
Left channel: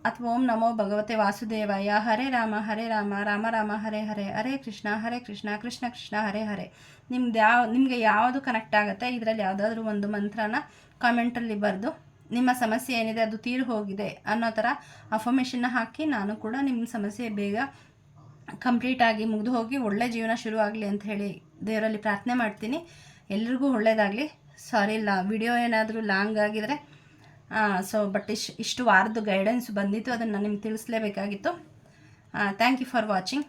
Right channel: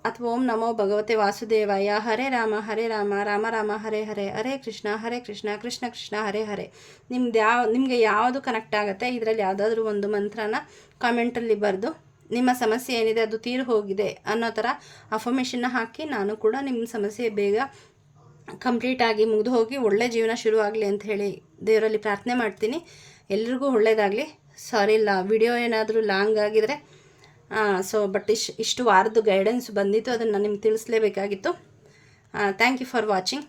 ಅಥವಾ ಓಂ ನಮೋ ಭಗವತೆ ವಾಸುದೇವಾಯ. ಹರೇ ರಾಮ ಹರೇ ರಾಮ ರಾಮ ರಾಮ, ಹರೇ ಹರೇ ಹರೇ ಕೃಷ್ಣ ಹರೇ ಕೃಷ್ಣ ಕೃಷ್ಣ ಕೃಷ್ಣ, ಹರೇ ಹರೇ. ನಿಮ್ದು ಯಾವ ನಿಮಗೆ ಯಾವುದು ಕನೆಕ್ಟ್ ಆಗುತ್ತೆ, ಇದರಲ್ಲಿ ಯಾವುದಾದ್ರೂ ಒಂದು ಮಂತ್ರನ ಕಾಮೆಂಟಲ್ಲಿ ಬರೆದು, ನಿಮ್ಮ ಸಮಸ್ಯೆ ಏನಿದೆ ಅದು ತೀರು ಹೋಗಿದೆ ಅನ್ನೋ ಥರ ಅಫರ್ಮೇಷನ್ನ ಹಾಕಿ ನಾನು ಕೂಡ ನಿಮ್ಮ ಸಮಸ್ಯೆ ಬೇಗ ಕಂಪ್ಲೀಟಾಗಿ ಮುಗಿದು ಹೋಗಿ ಒಳ್ಳೆ ಜೀವನ ಶುರು ಆಗಲಿ ಅಂತ ಹೇಳಿ ದೇವರಲ್ಲಿ ಪ್ರಾರ್ಥನೆ ಮಾಡ್ತೀನಿ. ಎಲ್ರಿಗೂ ಒಳ್ಳೆಯದಾಗಲಿ ಸಾರಿ ಇಲ್ಲ ವಿಡಿಯೋ ಏನಾದರೂ ಲಾಂಗ್ ಆಗಿದರೆ ಸೊ ಬಟ್ ಇಶ್ ಇಷ್ಟು ವಾರದ್ದು ಗೈಡೆನ್ಸ್ ಬಂದಿತ್ತು ಅದನ್ನು ನಿಮ್ಗೆ ತಿಳಿಸ್ಲೇಬೇಕಾಗಿತ್ತು. Thank you for watching